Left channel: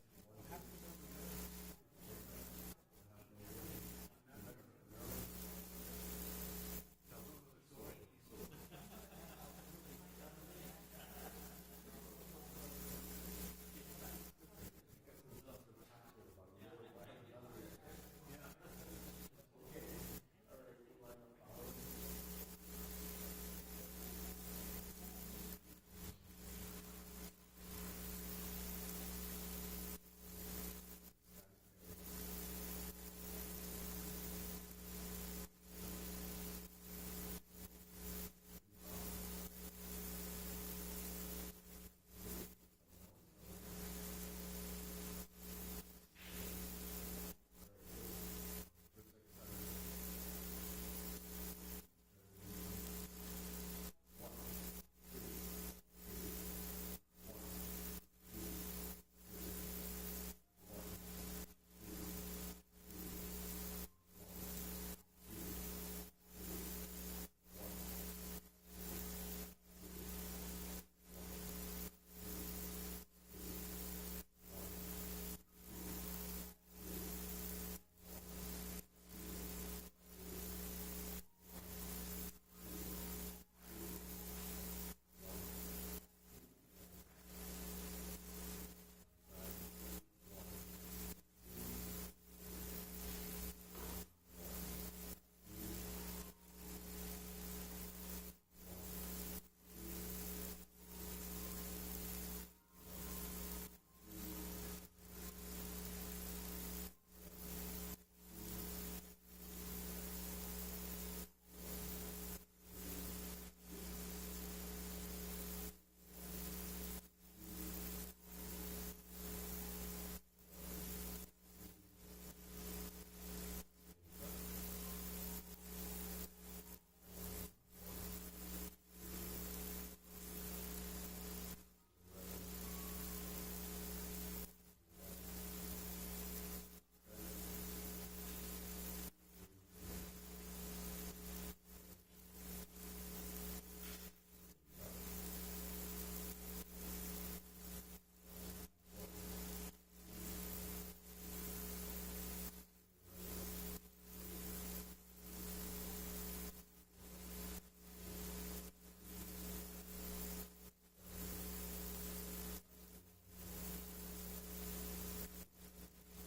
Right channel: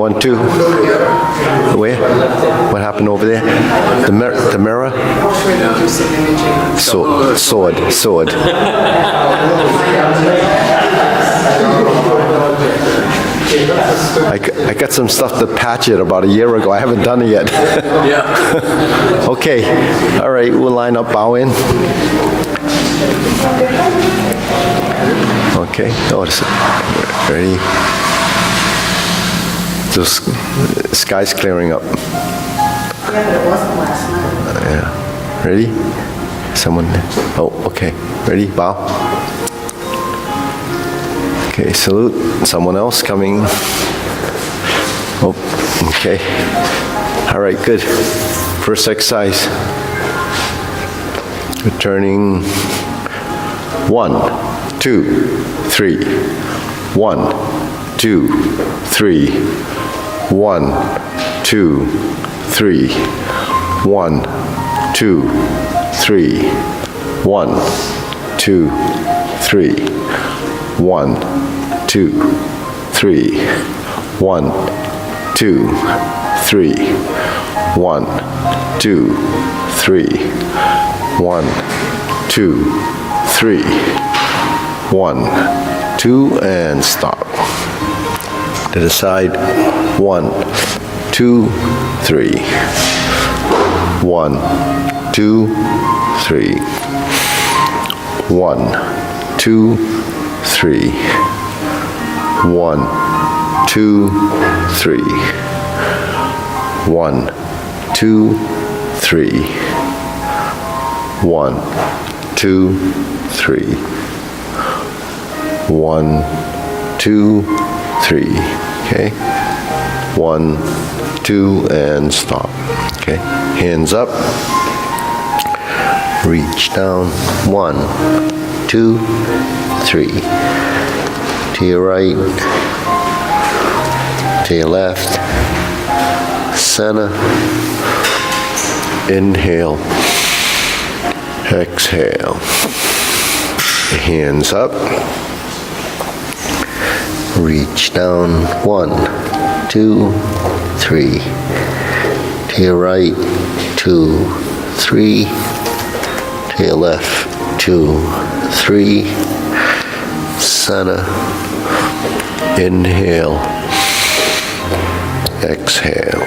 1, 2. Where? What happened over there? The mirror? Sword. I got some stuff to patch it about a year ago. I haven't done it yet. Yeah. Okay. All right. We'll line up, bow in. Okay. Notice it. Ready? The sky's clearing up. Yeah, but it wasn't last night. Yeah. Ready? Someone? Oh, okay. Ready? Bow. Okay, salute. Someone else coming. Oh, okay. All right, good. First exercise. Returning. 1, 2, 3. 1, 2, 3. 1, 2, 3. 1, 2, 3. 1, 2, 3. 1, 2, 3. 1, 2, 3. 1, 2, 3. 1, 2, 3. 1, 2, and stop. To the side. 1, 2, 3. 1, 2, 3. 1, 2, 3. 1, 2, 3. 1, 2, 3. 1, 2, 3. 1, 2, 3. Okay. 1, 2, and stop. Okay. Hands up. Reach down. 1, 2, 3. To your right. To your left. Center. Inhale. Exhale. Hands up. Reach down. 1, 2, 3. To your right. 2, 3. To your left. 2, 3. Center. Inhale. Exhale.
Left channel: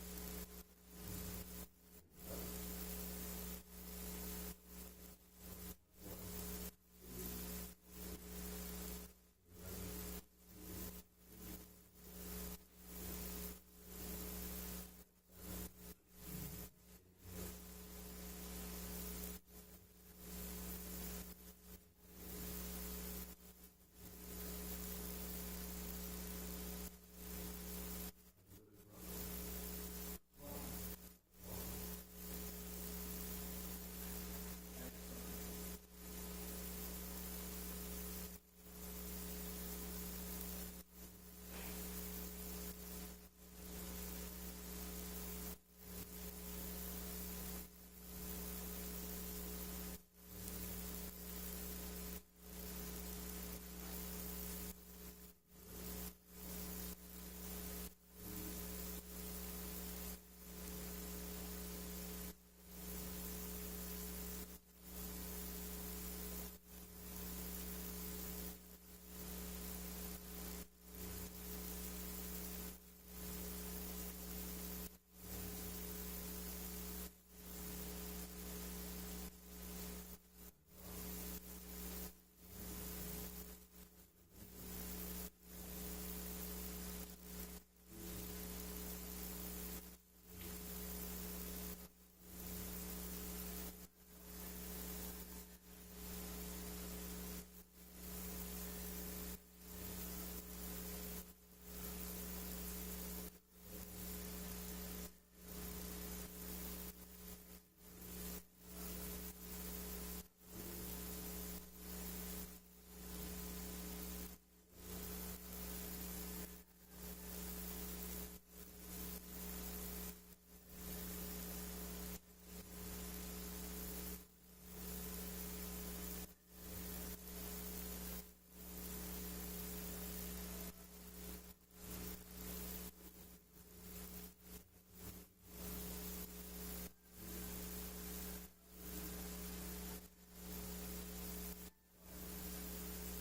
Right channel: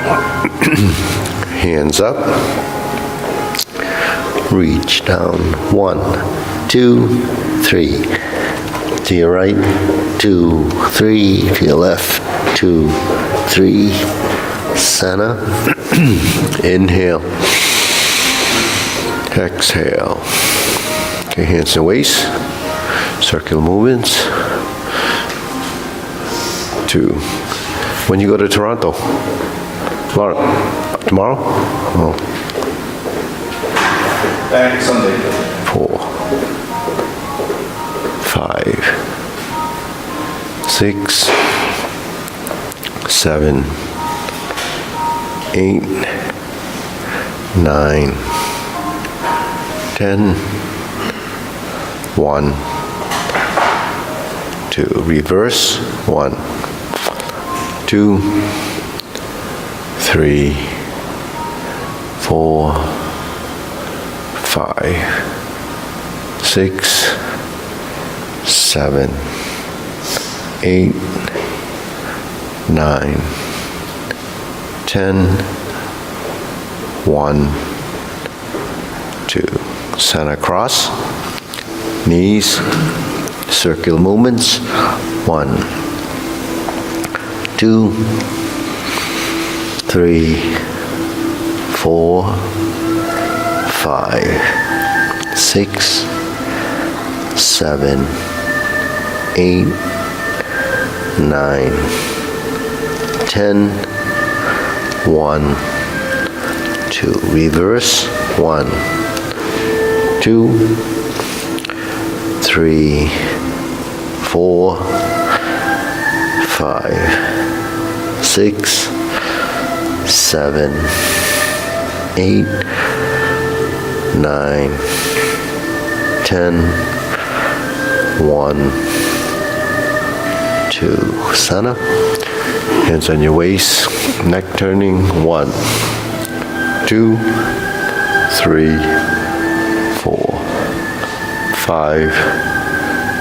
Hands up. Reach down. 1, 2, 3. To your right. 2, 3. To your left. 2, 3. Center. Inhale. Exhale. Okay, hands and waist. Circular movements. 2. When you go to Toronto? Tomorrow? Oh. Back Sunday. 4, 5, 6, 7, 8, 9, 10, 1, 2. Reverse. 1, 2, 3, 4, 5, 6, 7, 8, 9, 10, 1, 2. Center cross. Knees. Circular movements. 1, 2, 3, 4, 5, 6, 7, 8, 9, 10, 1, 2. Reverse. 1, 2, 3, 4, 5, 6, 7, 8, 9, 10, 1, 2. Center. Hands on your waist, neck turning. 1, 2, 3, 4, 5,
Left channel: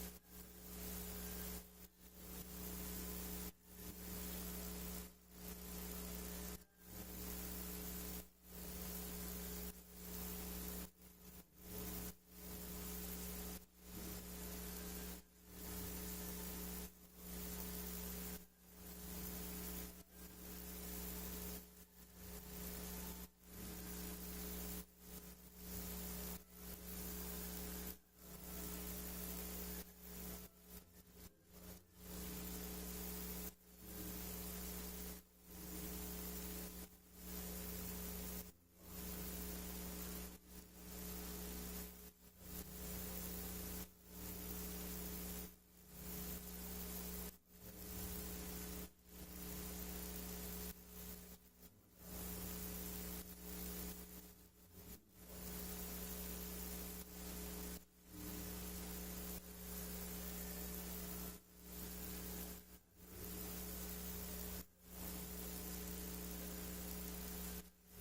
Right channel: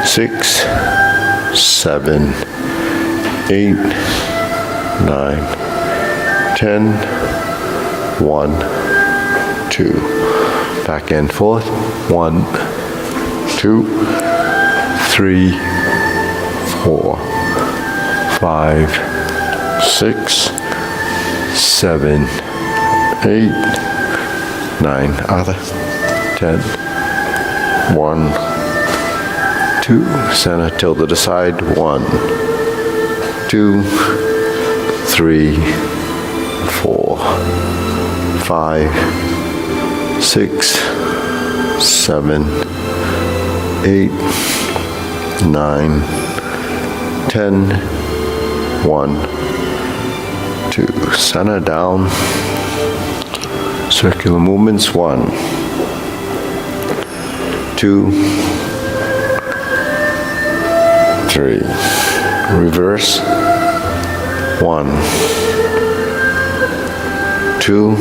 6, 7, 8, 9, 10. 1, 2. Back and forth. 1, 2, 3, 4, 5, 6, 7, 8, 9. Other. 10. 1, 2. Center. Tilt to the side. 1, 2, 3, 4, 5, 6, 7, 8, 9, 10. 1, 2. Center down. Circular movements. 1, 2, 3. Reverse. 1, 2,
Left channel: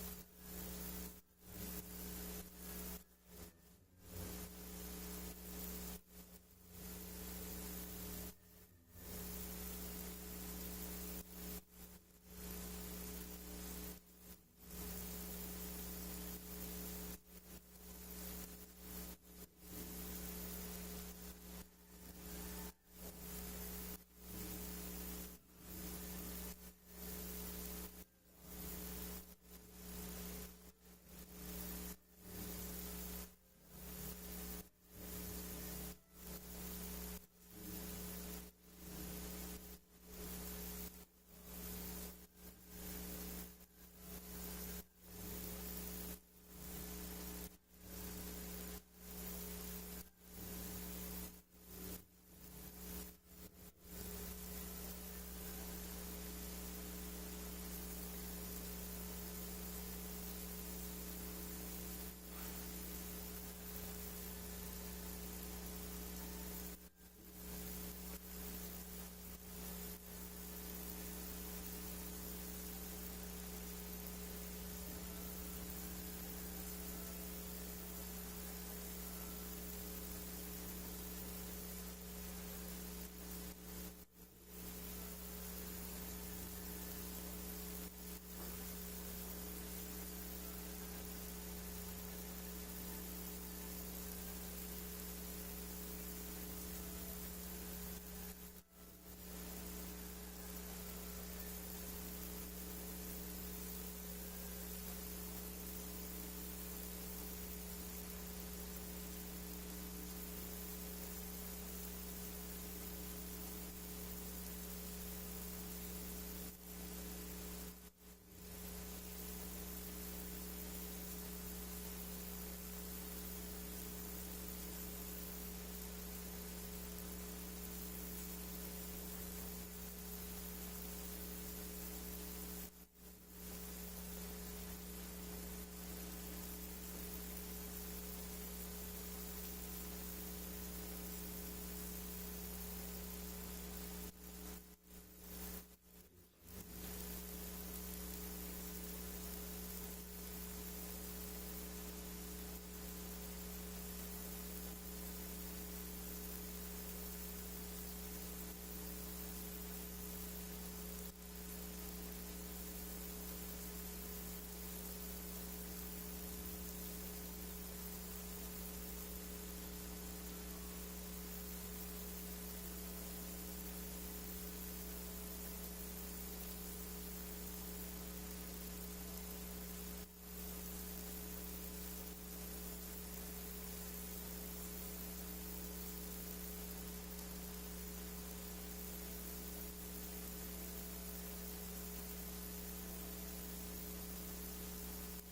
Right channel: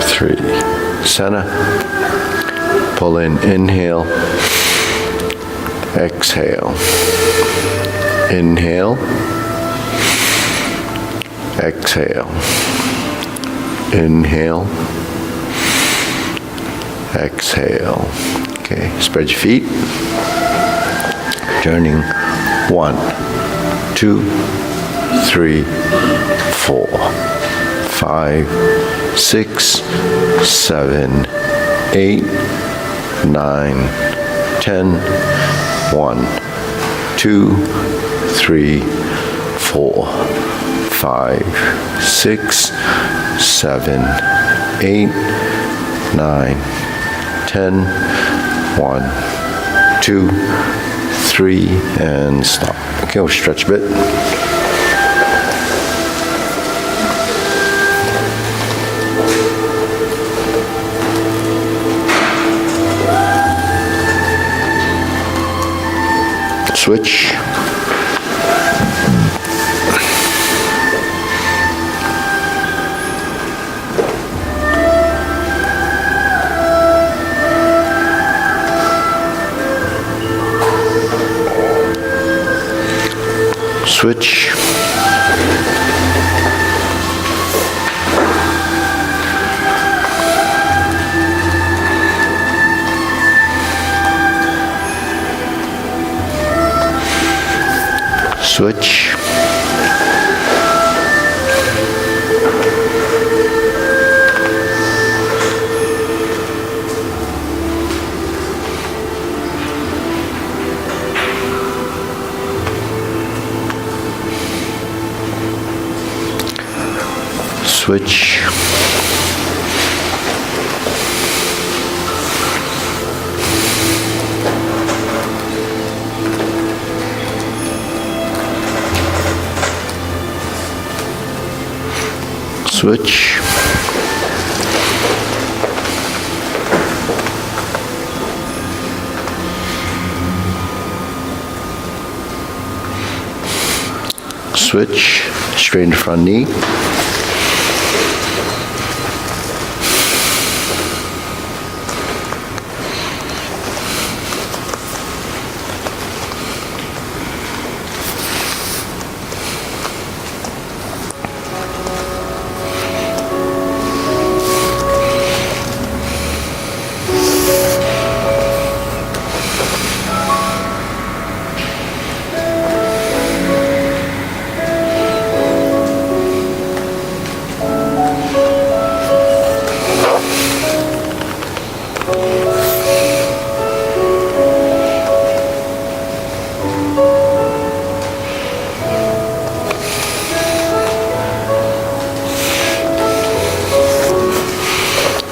3. Center. Pull in. Inhale. Exhale. Inhale. Exhale. Inhale. Exhale. Okay, spread your feet. Turning. 1, 2, 3, 4, 5, 6, 7, 8, 9, 10. 1, 2, 3, 4, 5, 6, 7, 8, 9, 10. 1, 2, 3, and stop. Okay, we'll stretch a bit. Switch. Switch. Switch. Switch. Switch. Switch. Straighten the front knee.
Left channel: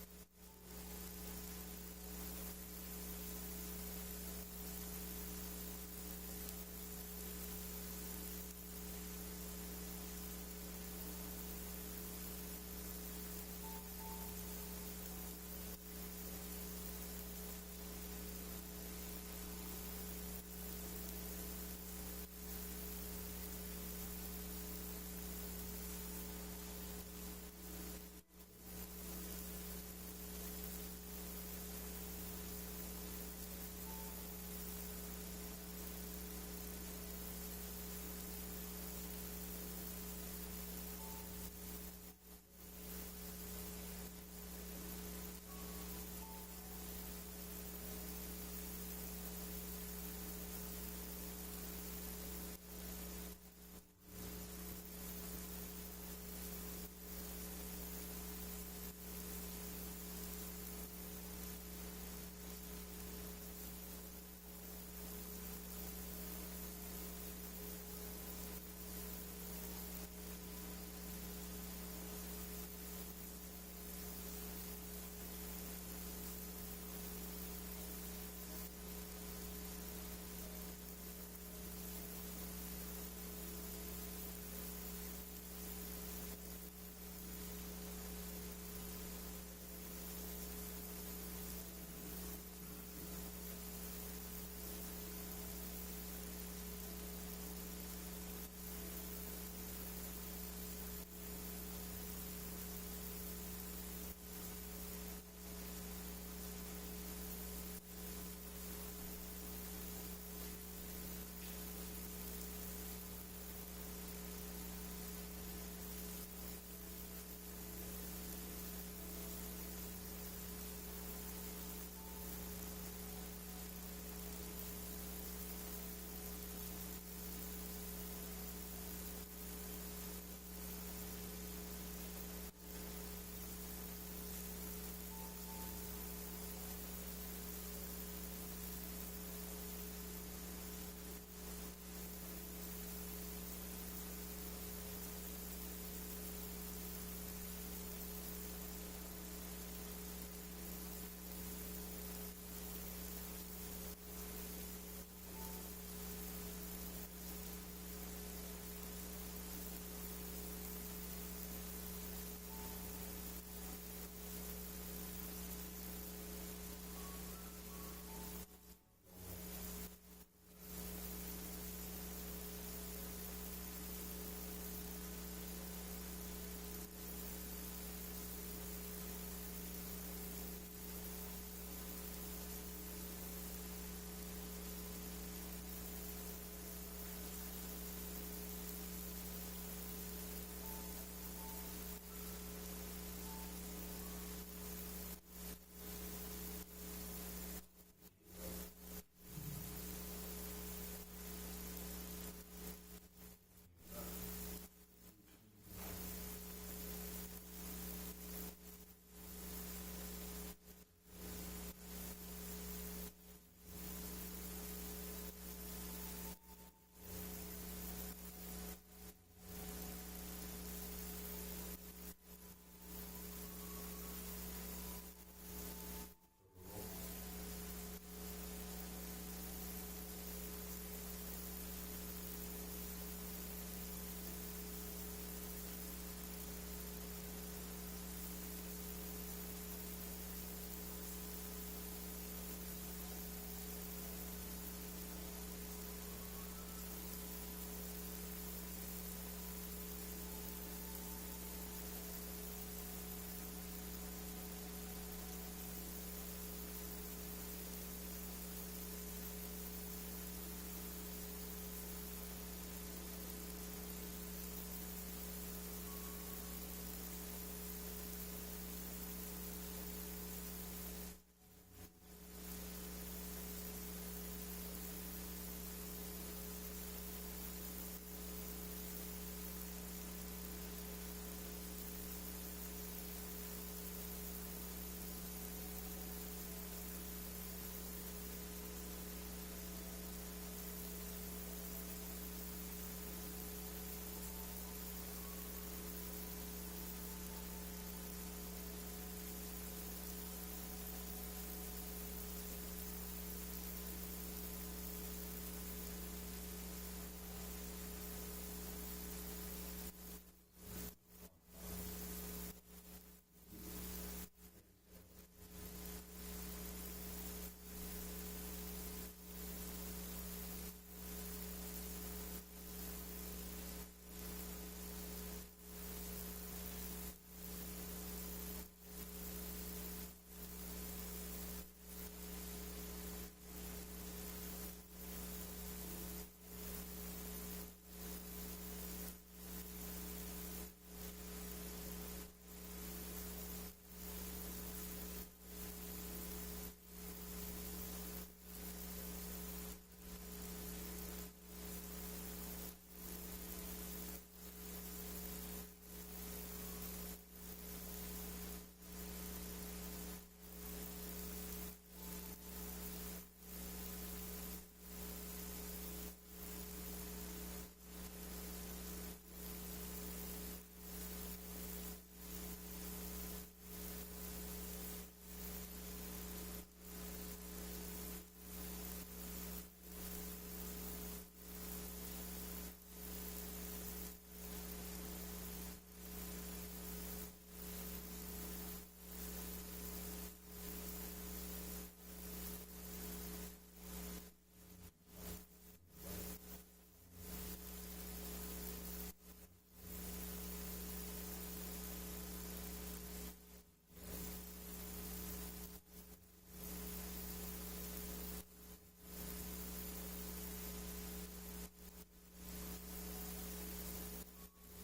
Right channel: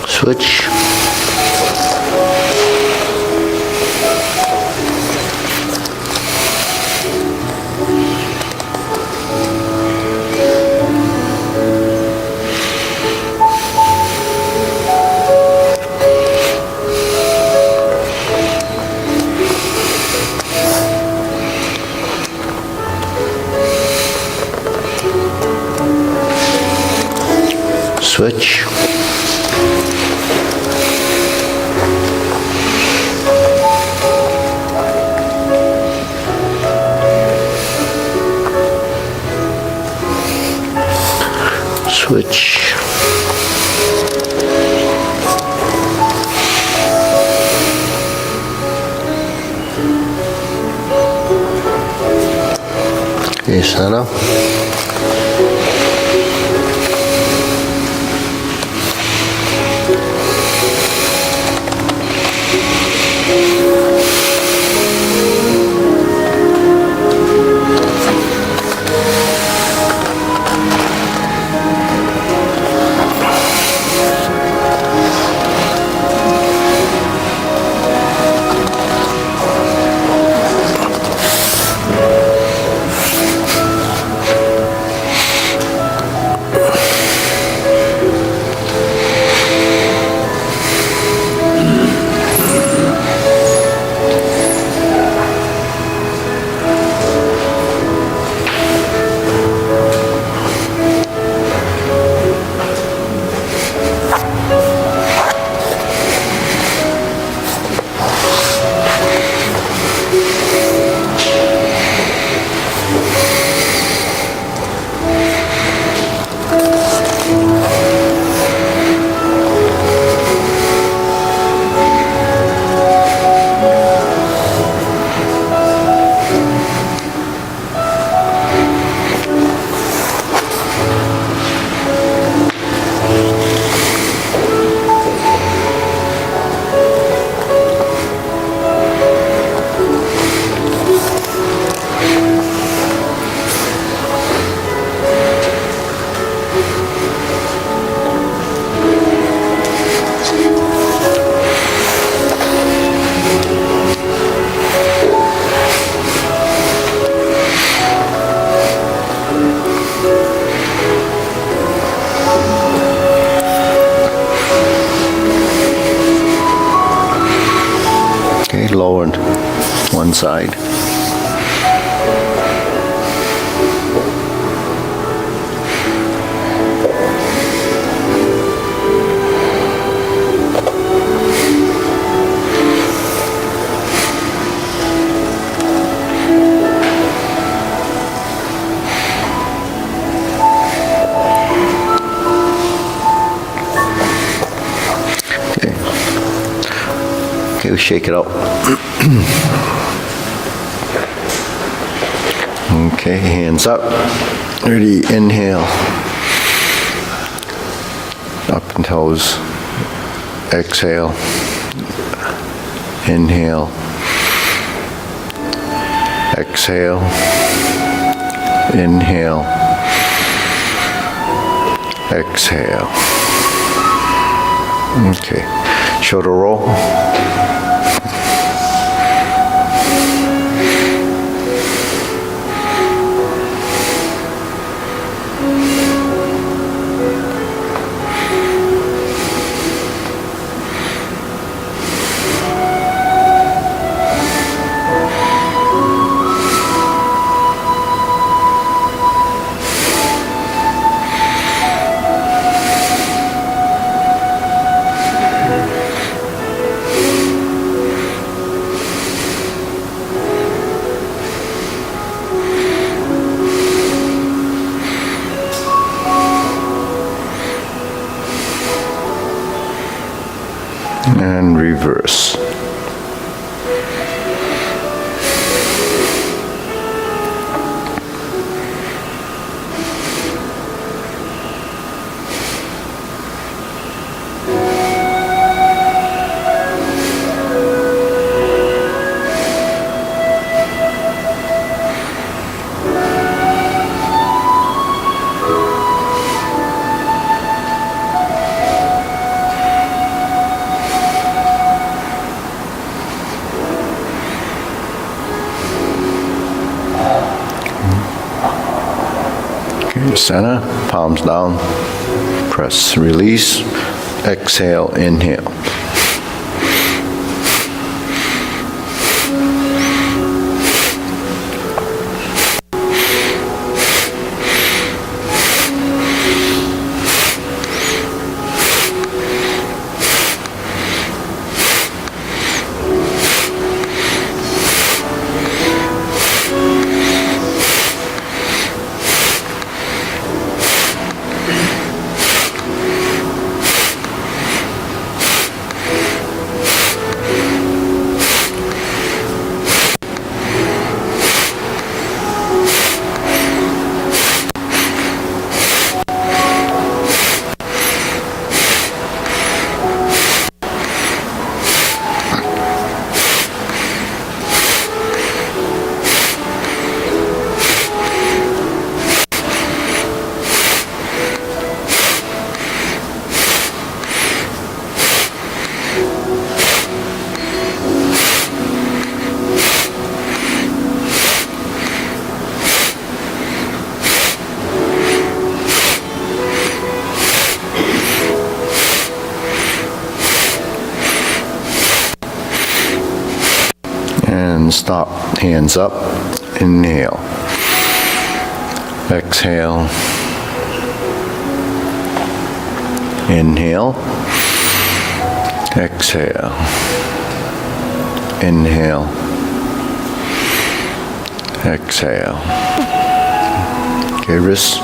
Switch. Switch. Switch. Okay, center. Okay, lowered one side. Okay. Okay, we shake it out. Okay, hands up. Ready, inhale. Up and toes. Exhale. Inhale. Exhale. Inhale. Exhale. Okay, shoulder roll. And reverse. Okay, center, palms down, press, release, exhale, inhale. stop. Hands up. Inhale. Exhale. Inhale. Exhale. Inhale. Exhale. Okay, wrists.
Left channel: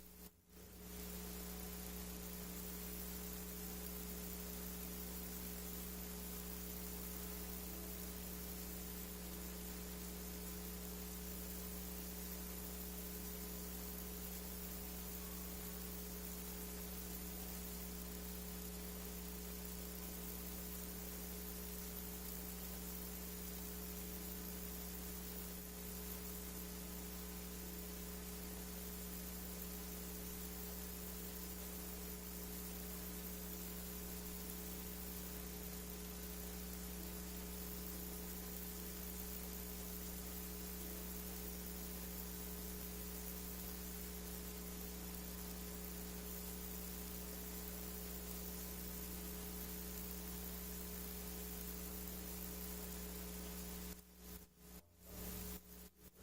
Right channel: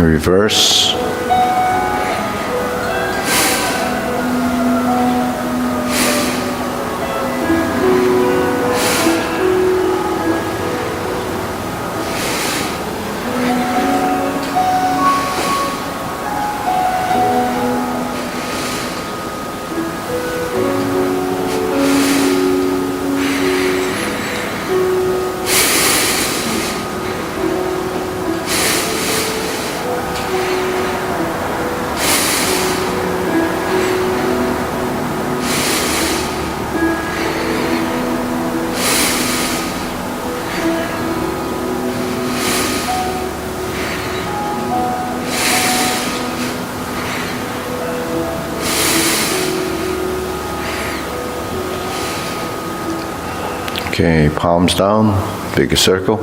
Reverse. Okay, palms down, big circle.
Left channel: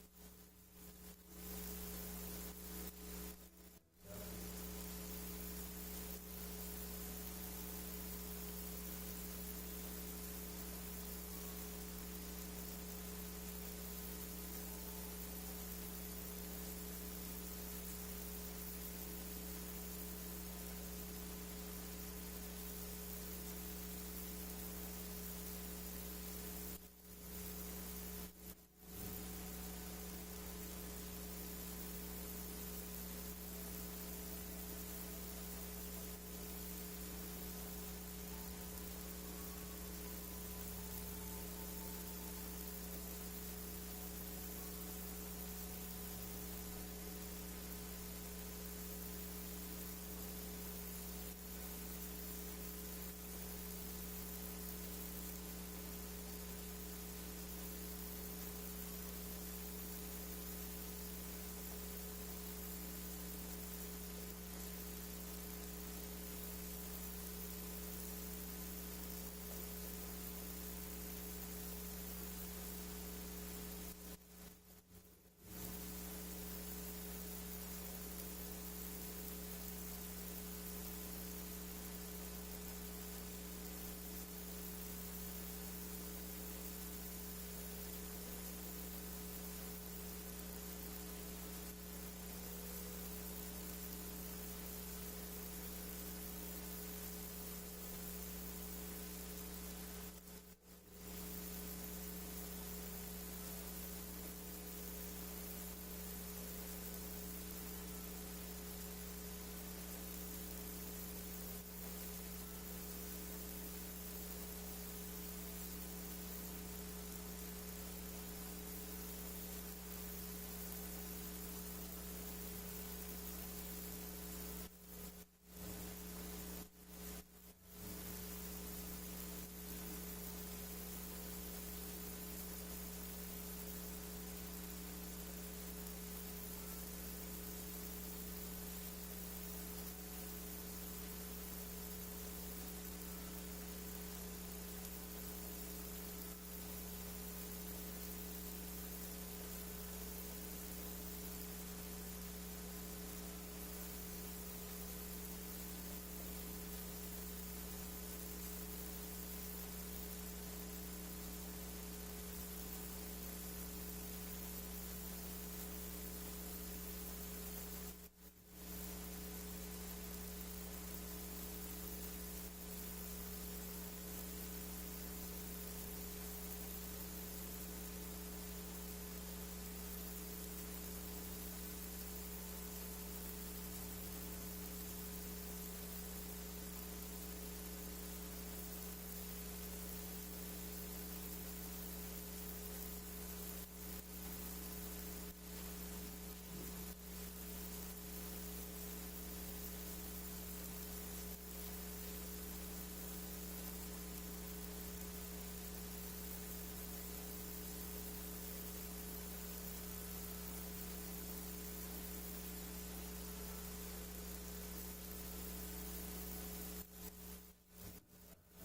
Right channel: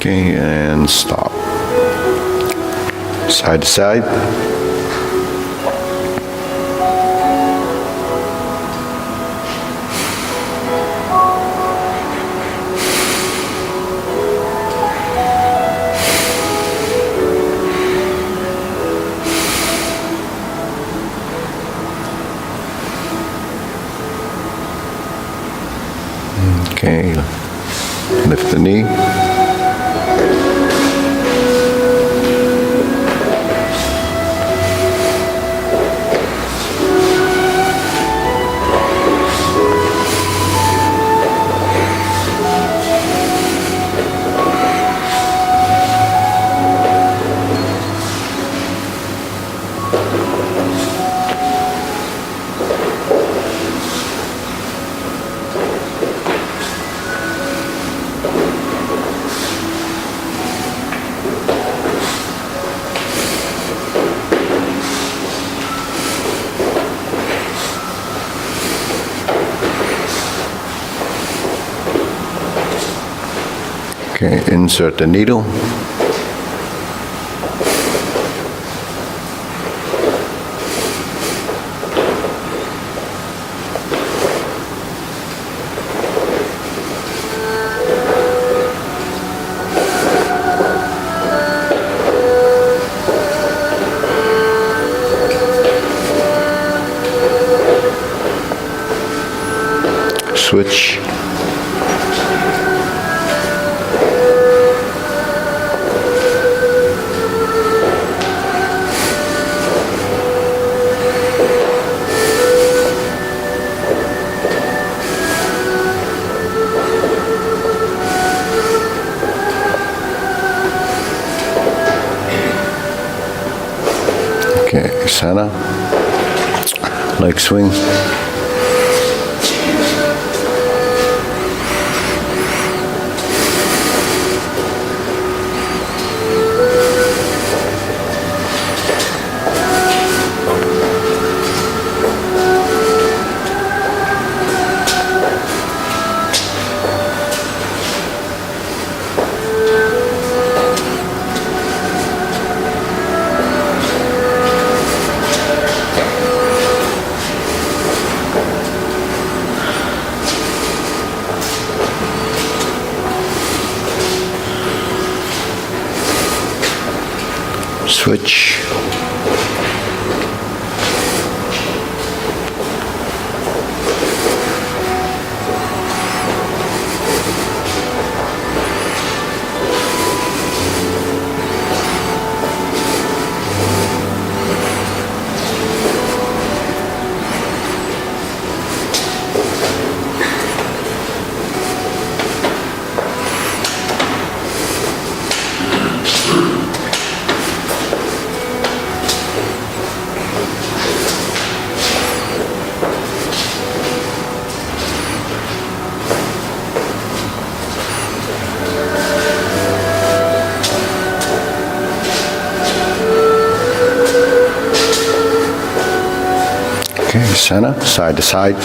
Okay, and stop. Side to side. Okay, lift the knee. Okay, insert the needle. Switch. center. Leg swing. Switch. Okay, center, side to side.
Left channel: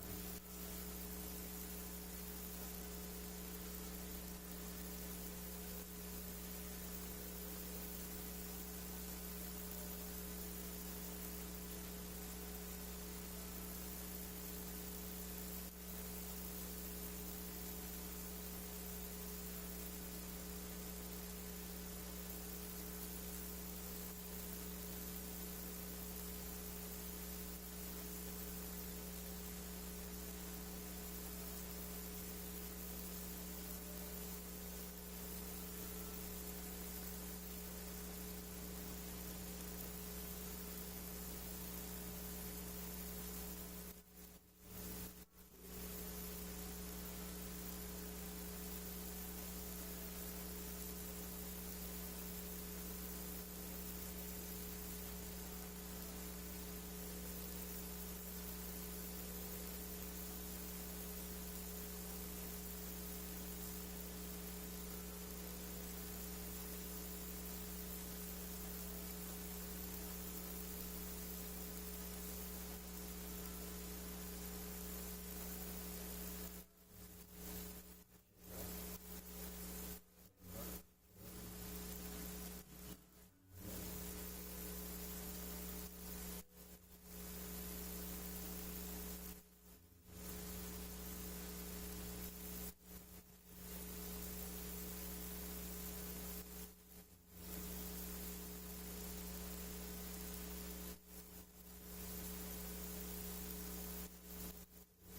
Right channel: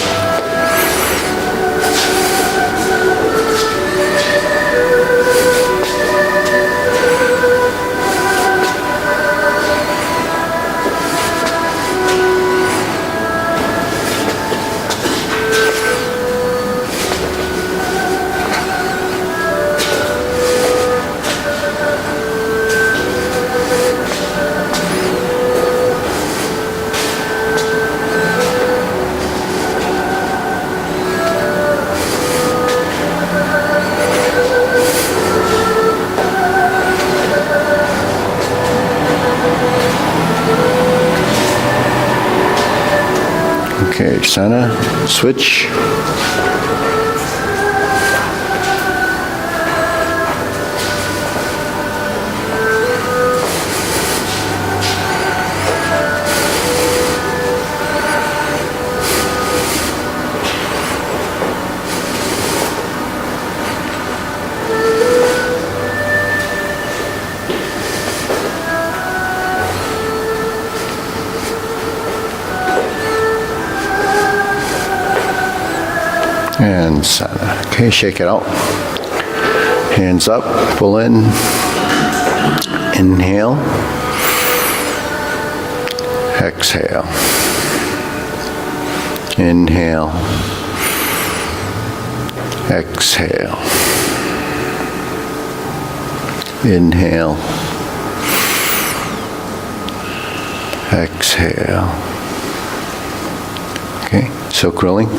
Okay, center, switch. And center. Okay, shake it out. Hands up, pull in. Inhale. Exhale. Inhale. Exhale. Inhale. Exhale. Okay, so curling.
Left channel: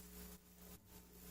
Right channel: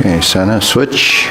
Okay, center, switch.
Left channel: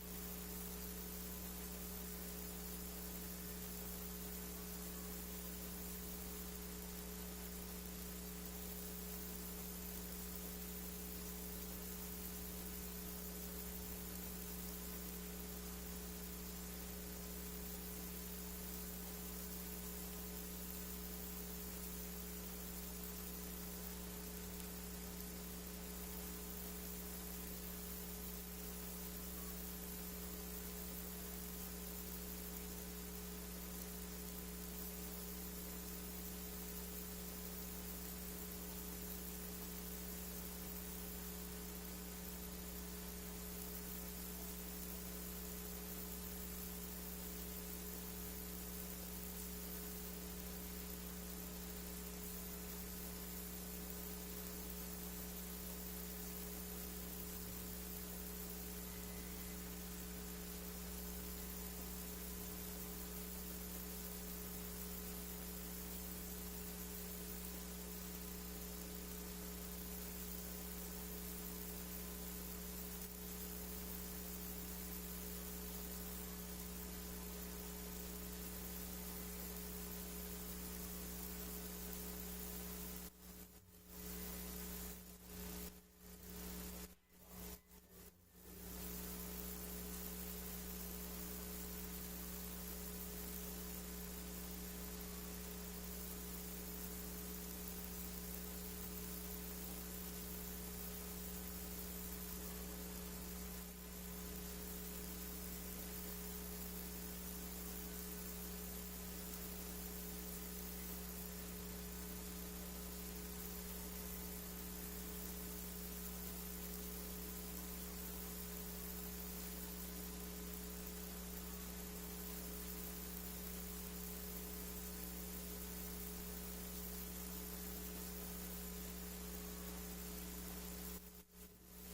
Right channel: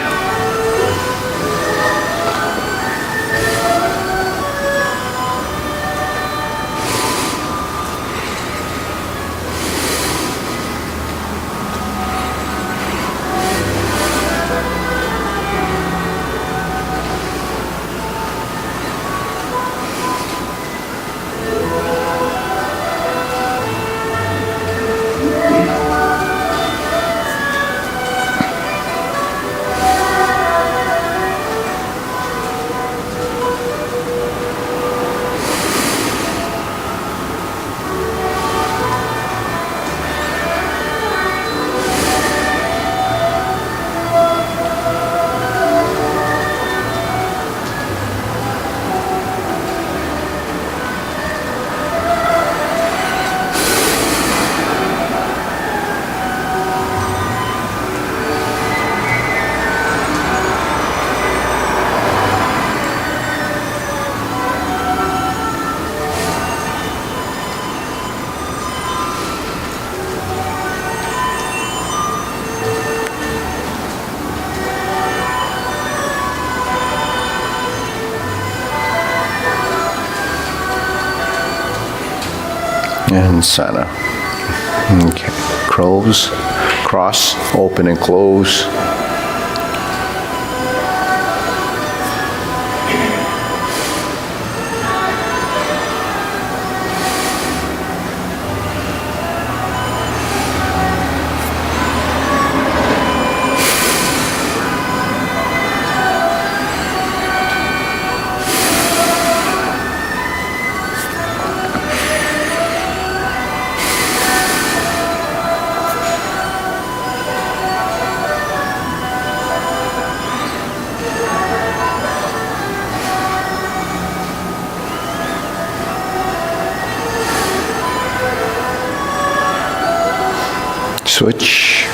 And center. Okay. Close, cross, open and close. Switch.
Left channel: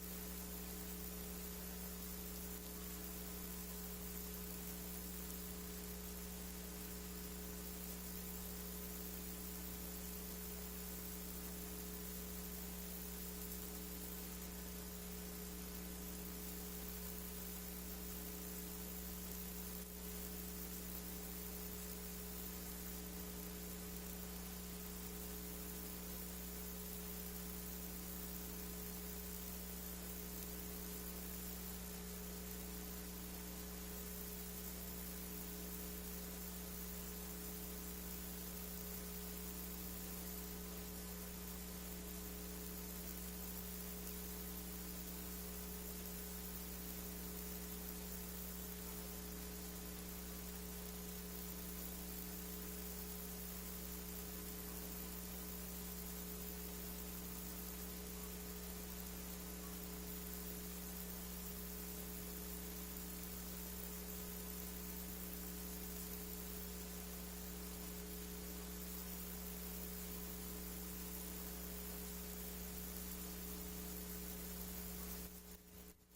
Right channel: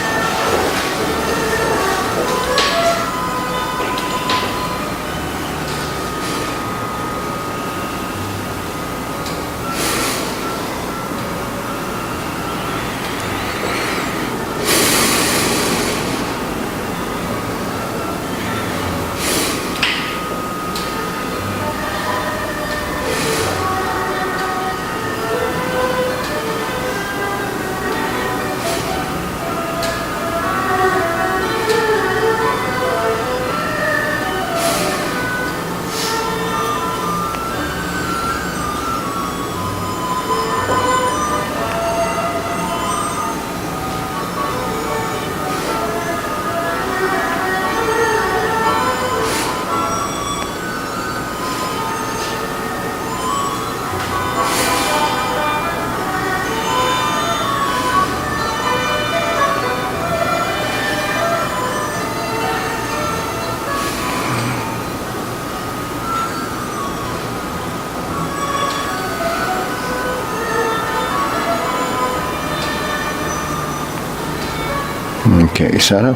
Okay, center.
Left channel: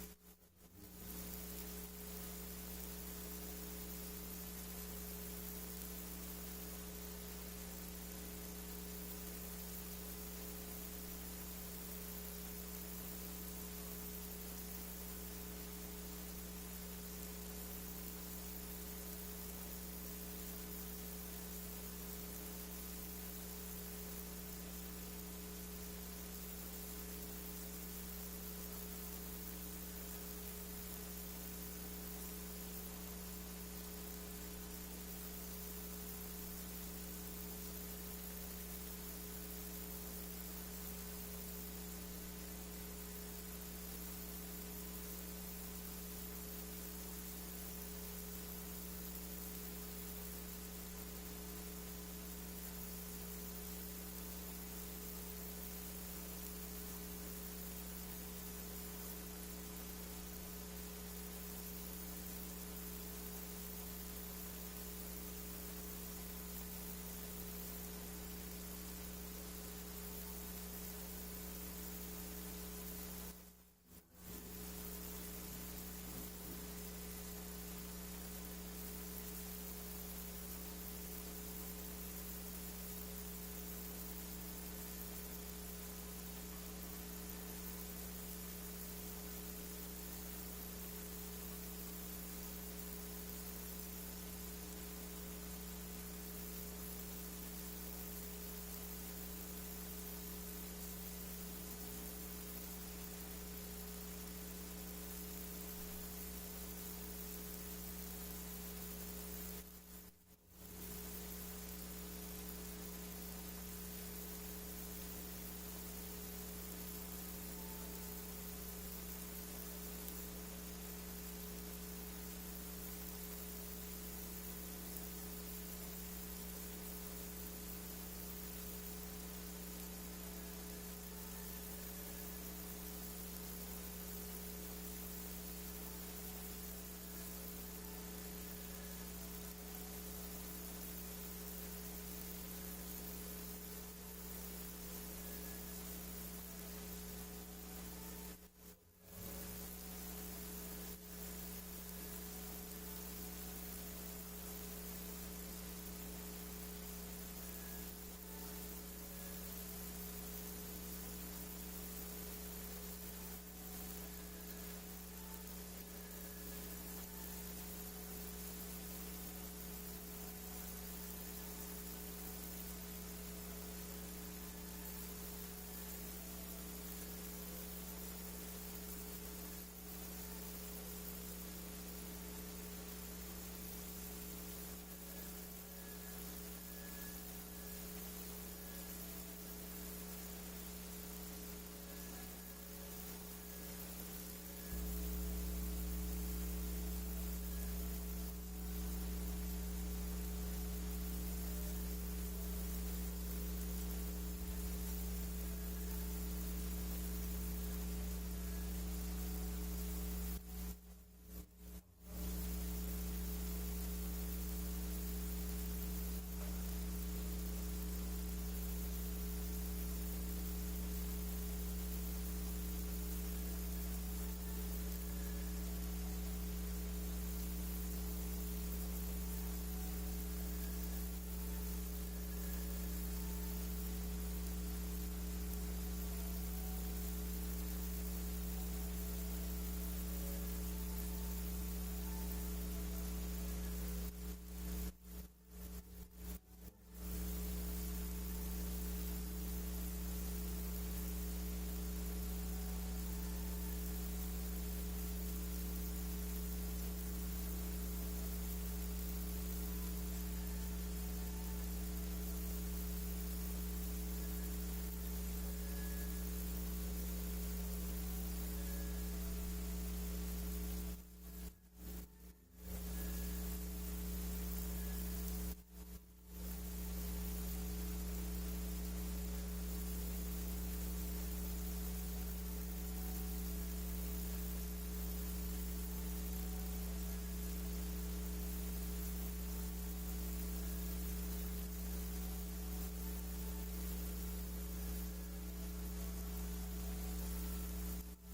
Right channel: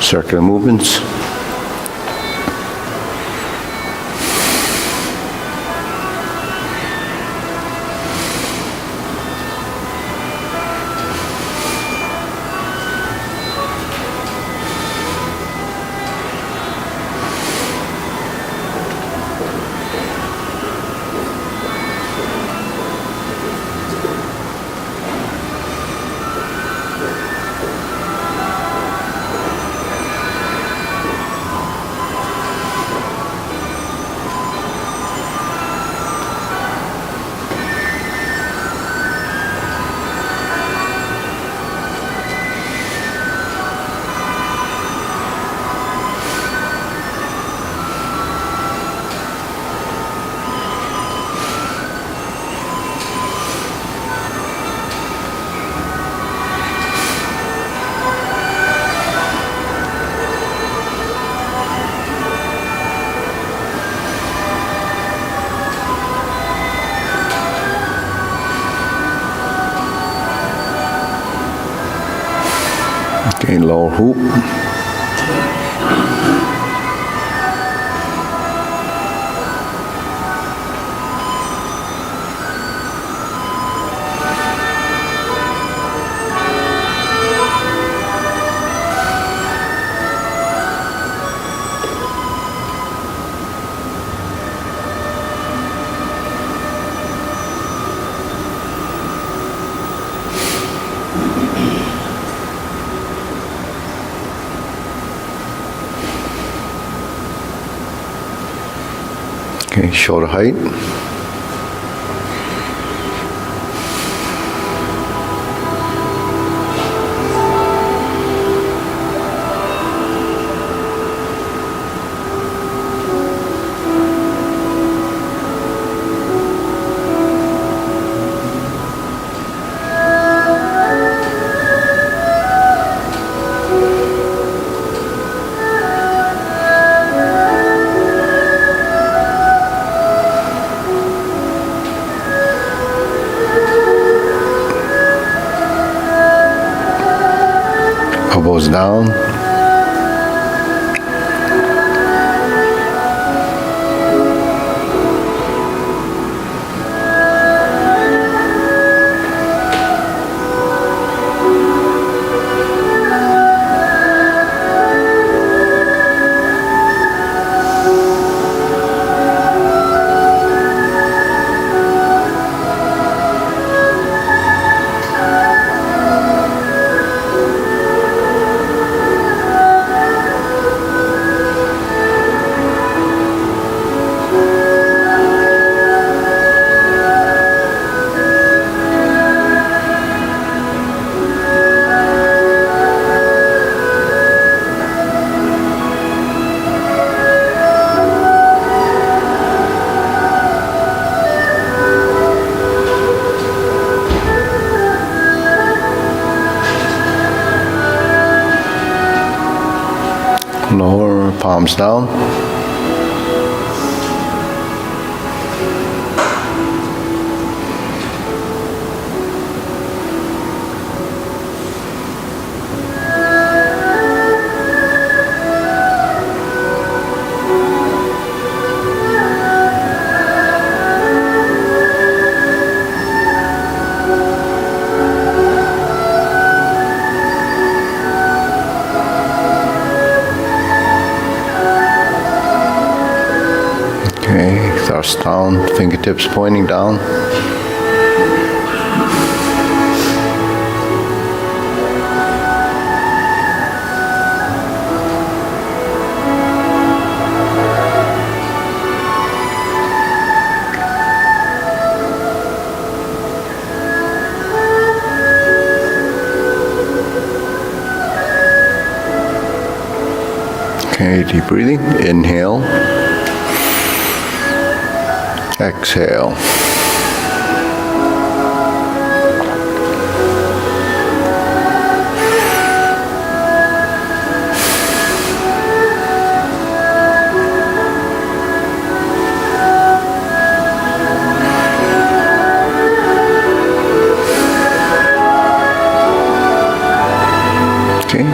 Circular movements. Okay, lower hoop. Okay, shoulder height. Elbows down. Lower, palms down. Okay, thrust down, fingertips pointing down. Okay, deep breathing. Inhale. Exhale. Okay,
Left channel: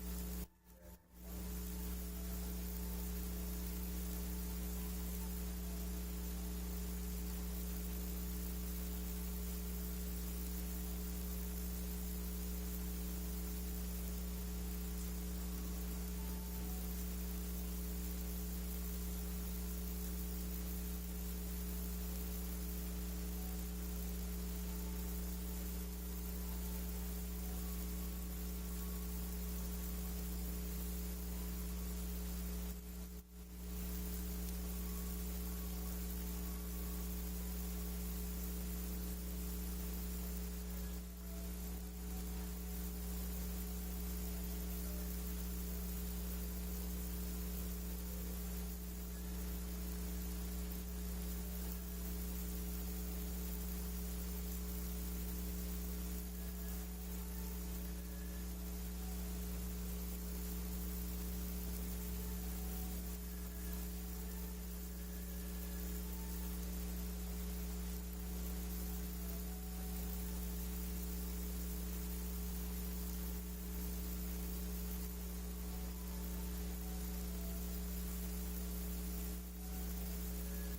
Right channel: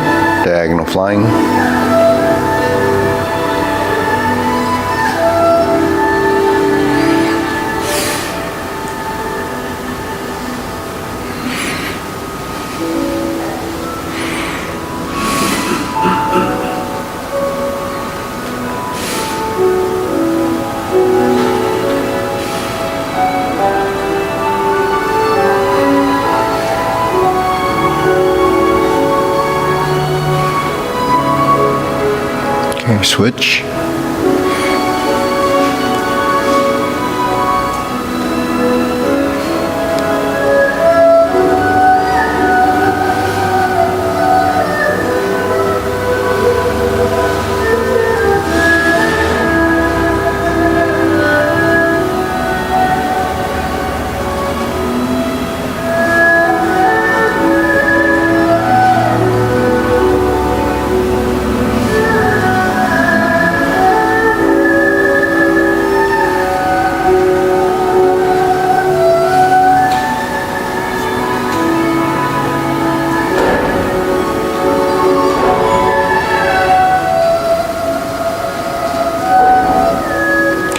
diagonal flying. Okay, switch.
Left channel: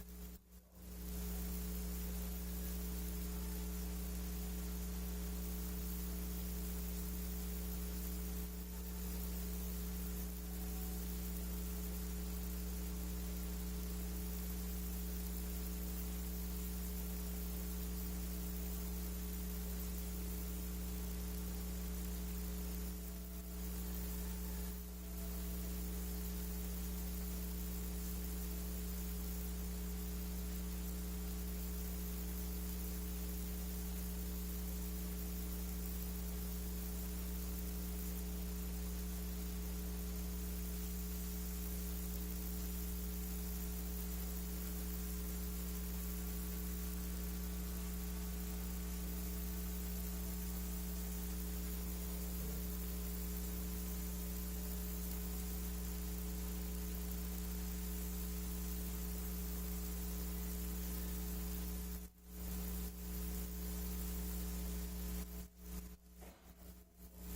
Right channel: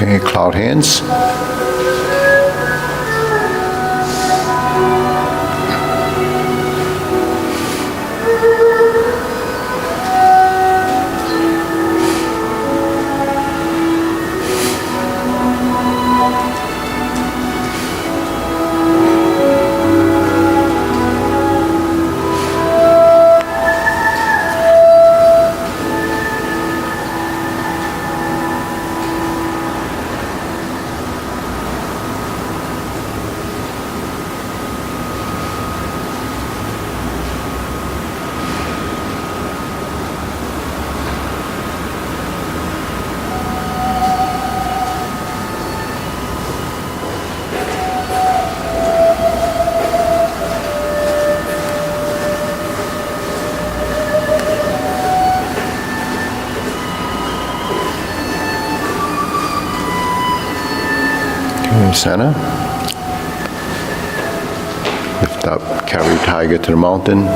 Okay, cloud hands. Okay, center. Lift up, carry tiger to the mountain.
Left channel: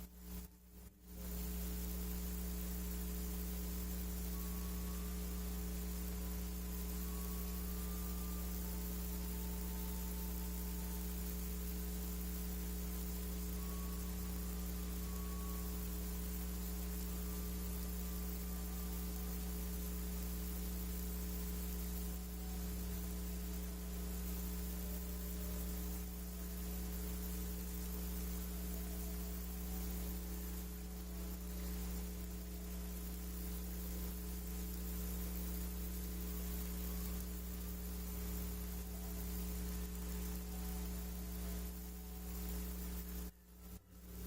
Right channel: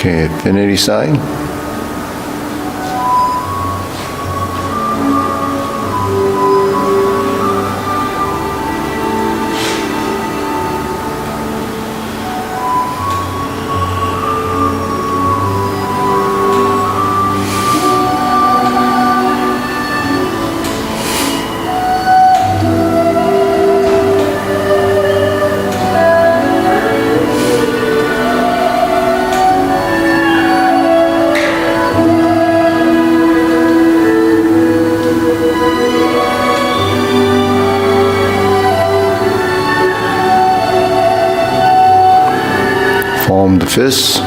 Okay, infinity sign. Form the fists.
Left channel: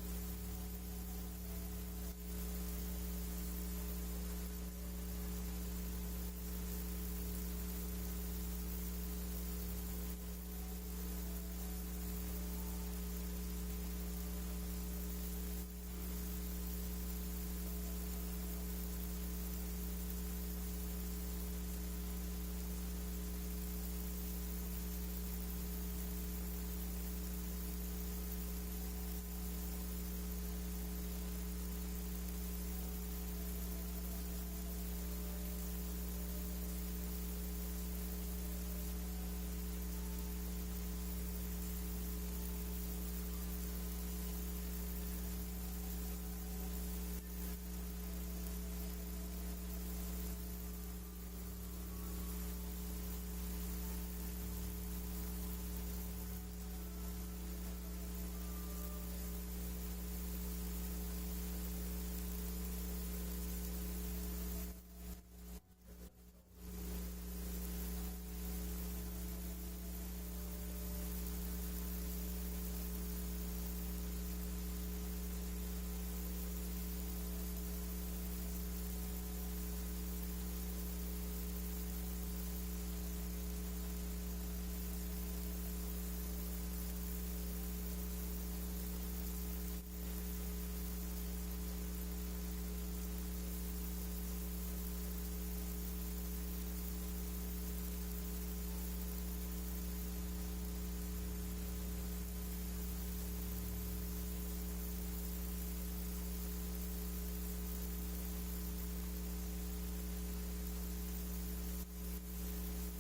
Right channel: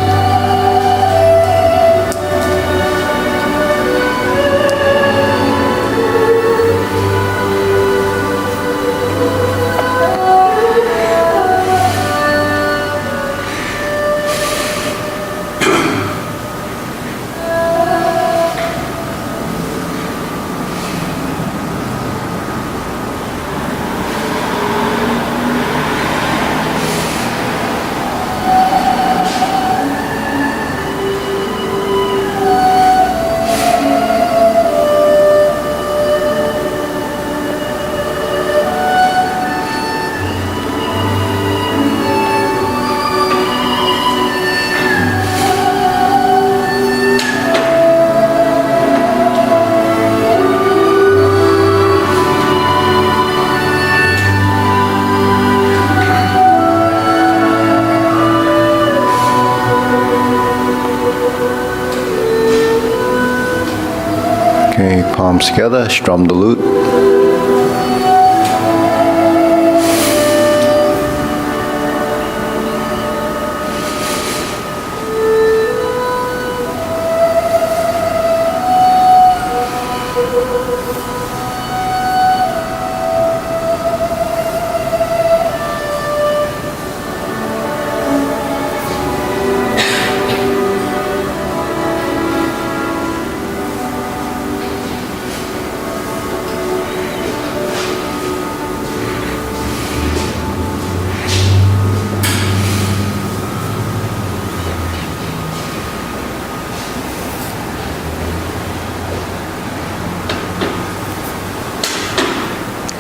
Okay, palms together, strum the lute.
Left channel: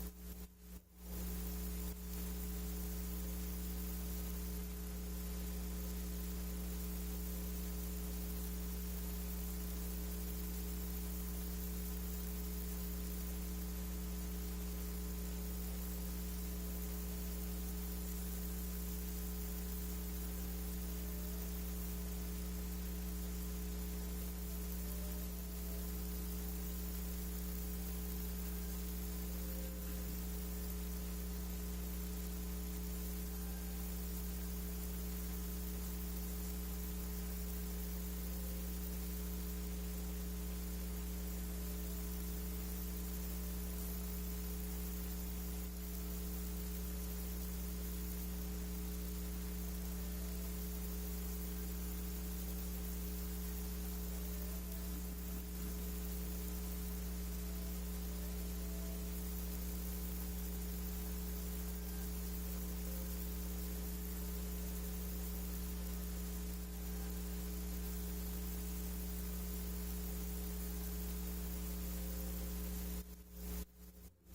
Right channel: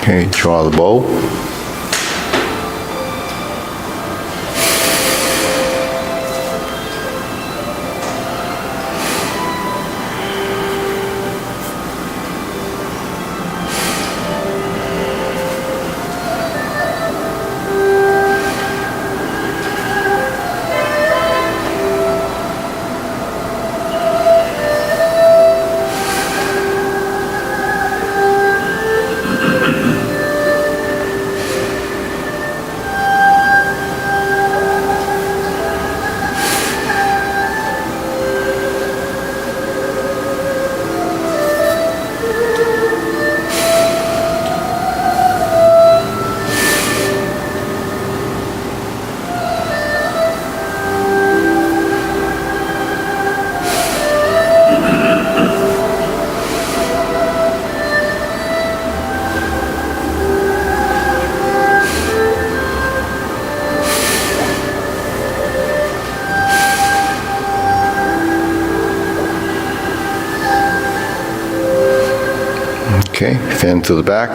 Okay, draw the bow. Okay, fan to the back.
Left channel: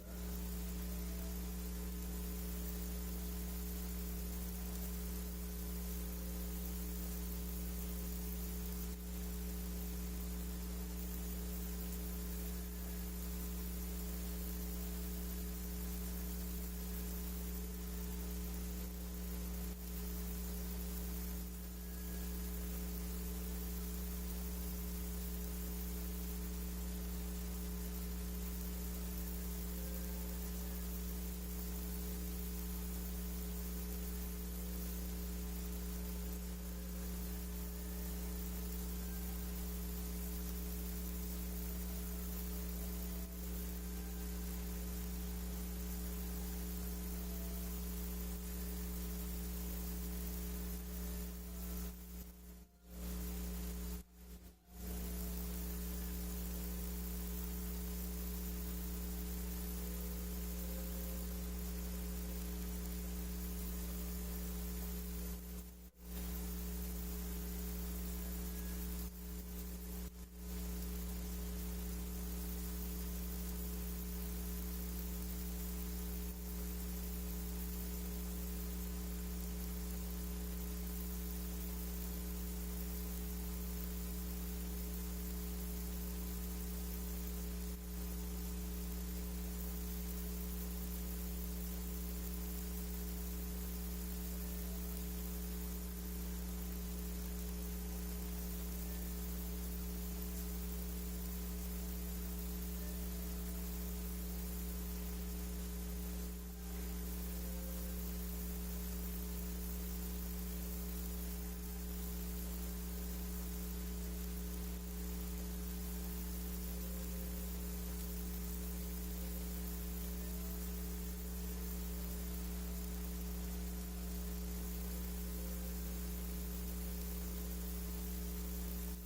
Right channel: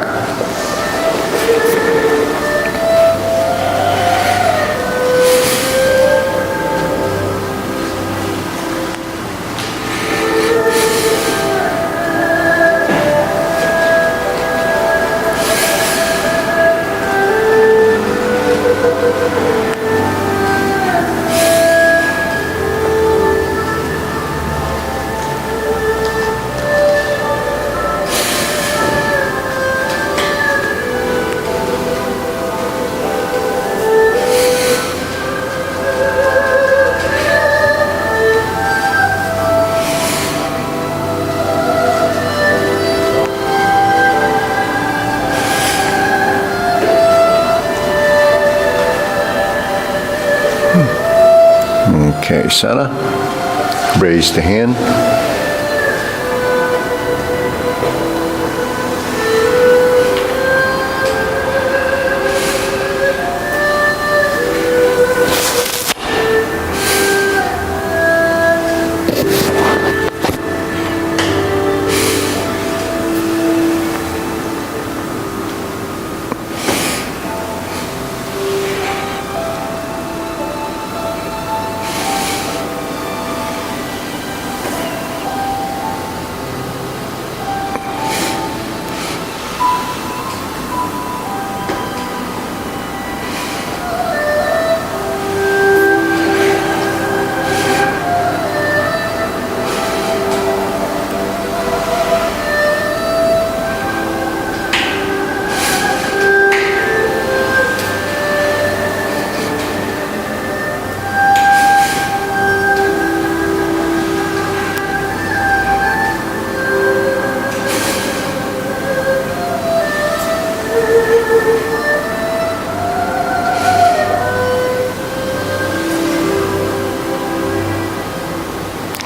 Okay, center. Raise the hand.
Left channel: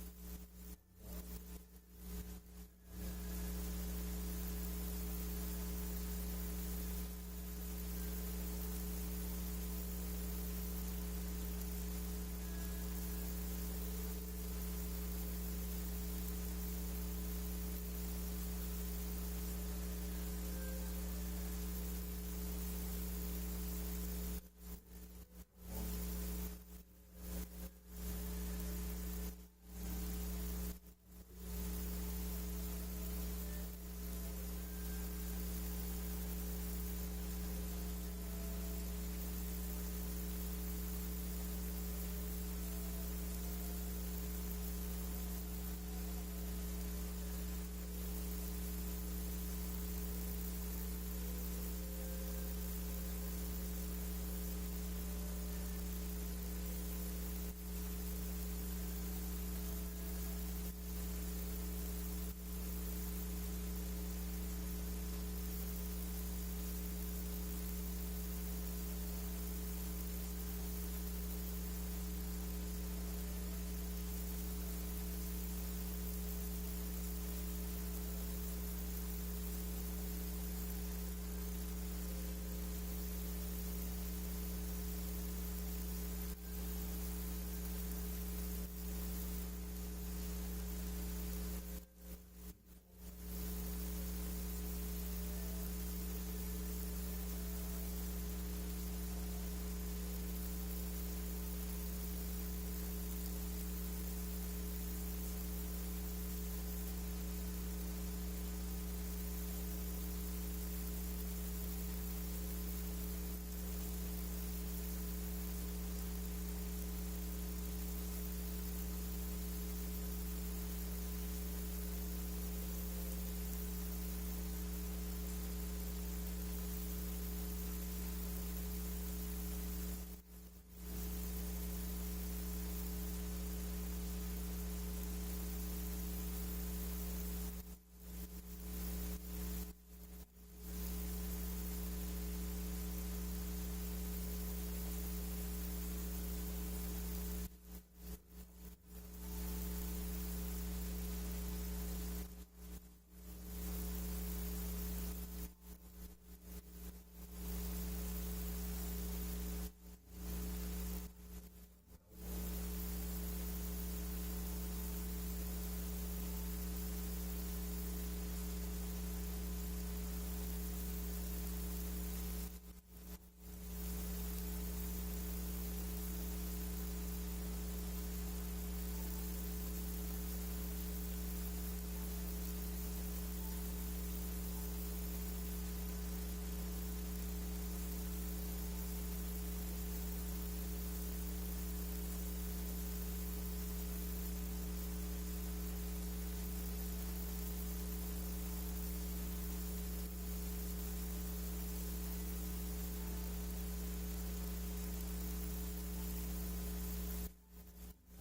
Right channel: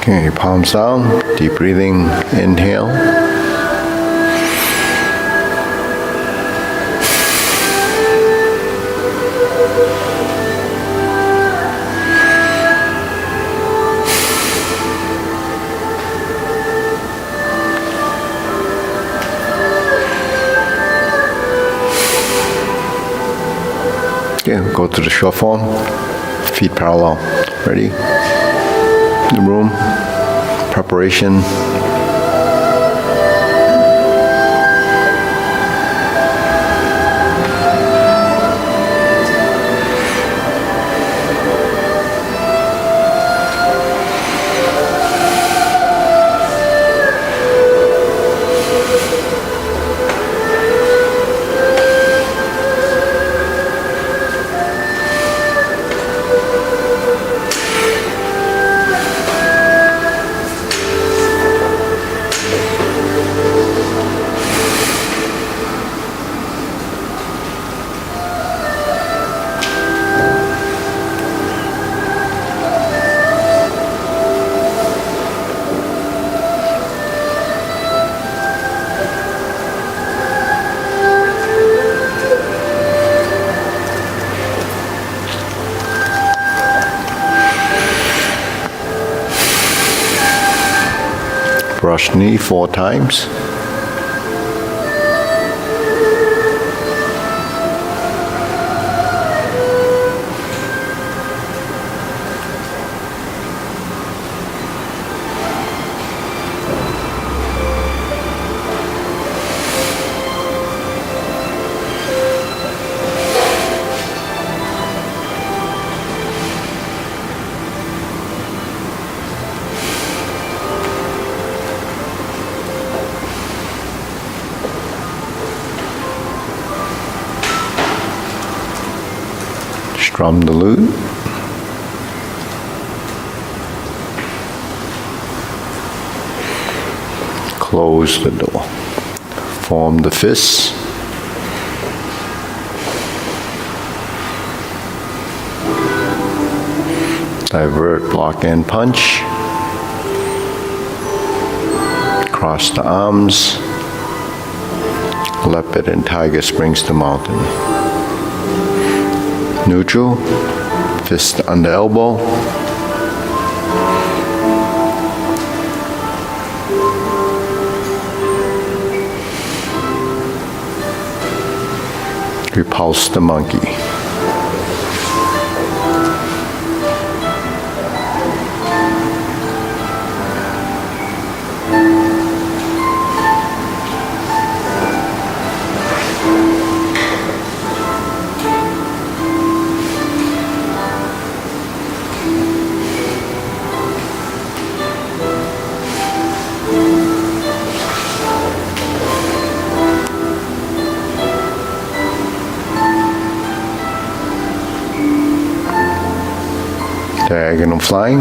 Okay, palms down, deep breathing, inhale. Okay, go to the short form, feet parallel. Ready? The room, preparation. Brush knee 4 times. Strum the lute. Close the door. Form the fists. Divert, block, and punch. Cross the arms. Leopard and tiger springs to mountain. Neutral, fist under elbow. Repulse the monkey. Diagonal flying.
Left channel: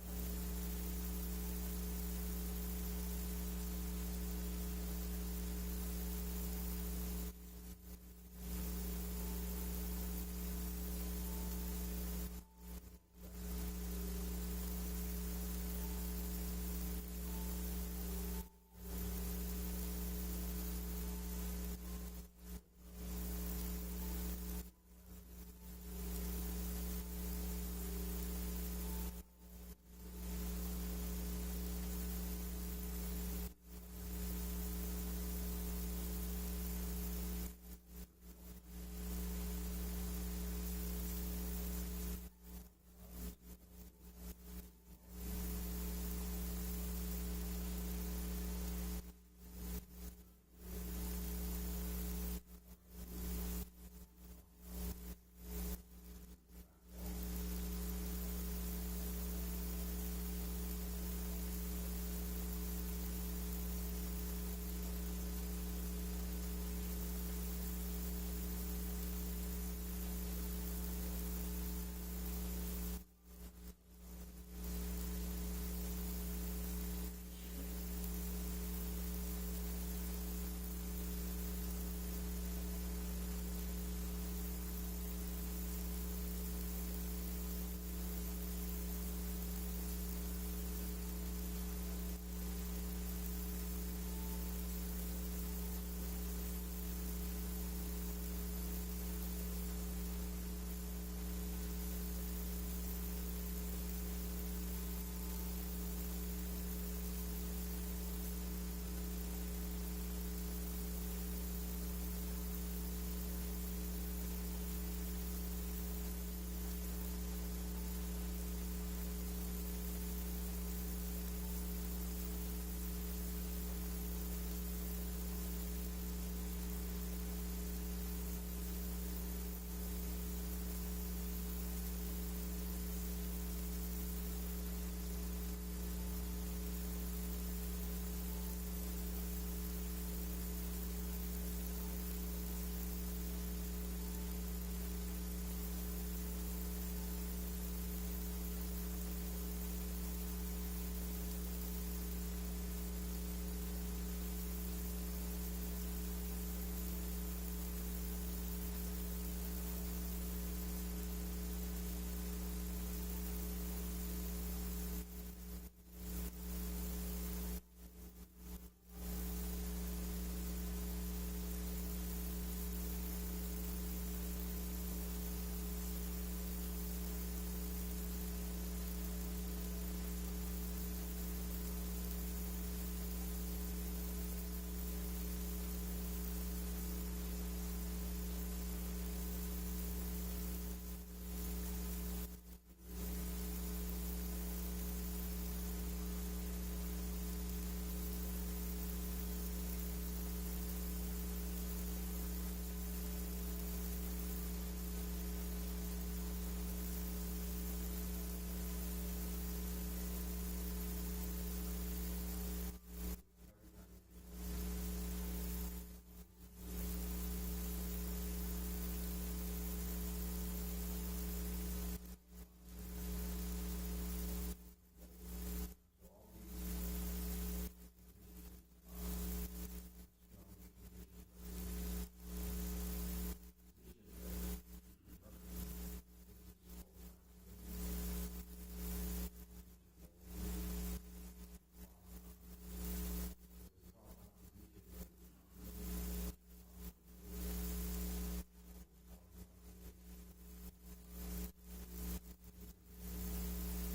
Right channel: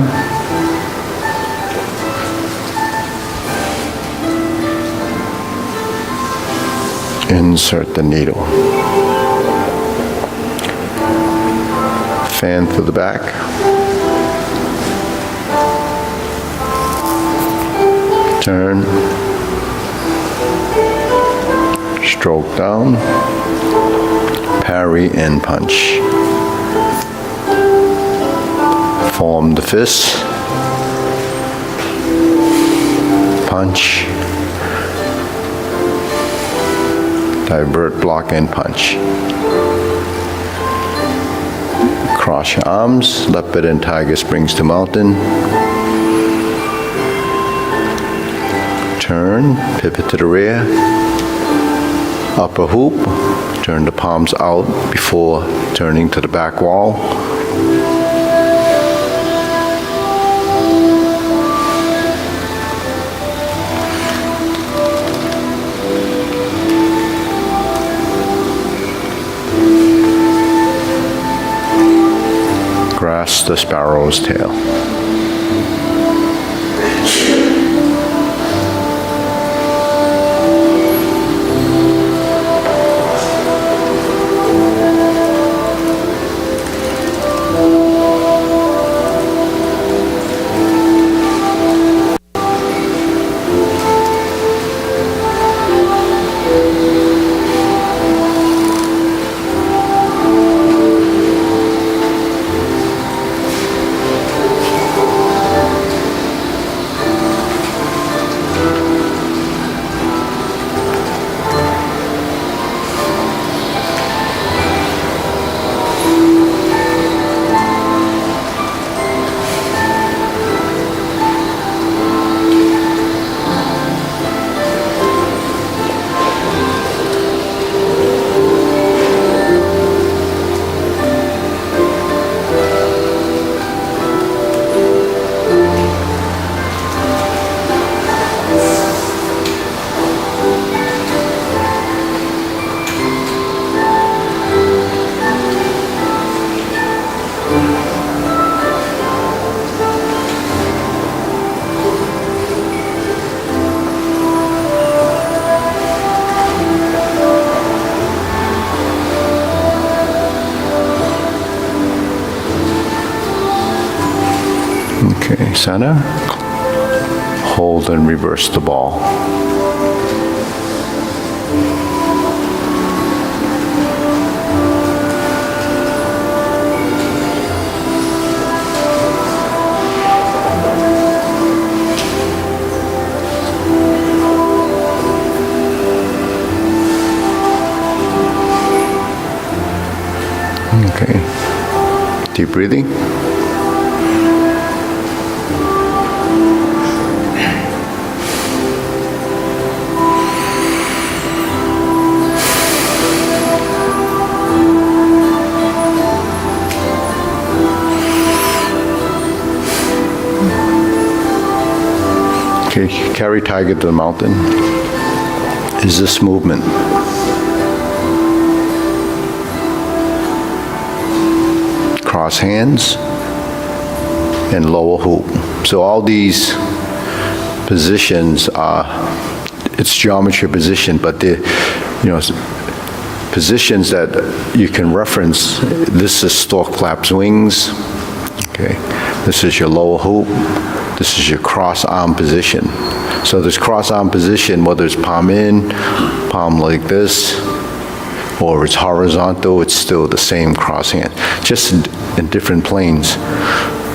Insert the needle. Fan through the back. Turn. Stroke down. Parry and punch. Form the fist, punch, divert, block, and punch. Cross your arms, leopard and tiger springs to mountain. Turn, pivot to the rear, upper hoop, turn the palms out before turning to the back wall. Grasp the sparrow's tail. Okay, center. Hold and reverse the ball. Okay. Deep breathing. Okay, carry tiger to the mountain. Is this movement? Cross hands and lower hoop. So all these positions are, it's geometry position, but they're, positions that you can reference. This is stork flaps wings. Okay, this is your lower hoop. This is your cross arm position. So this cross arm position, whether it's palm in, palm like this, or it's horizontal, it's still the same cross hand, just in different planes.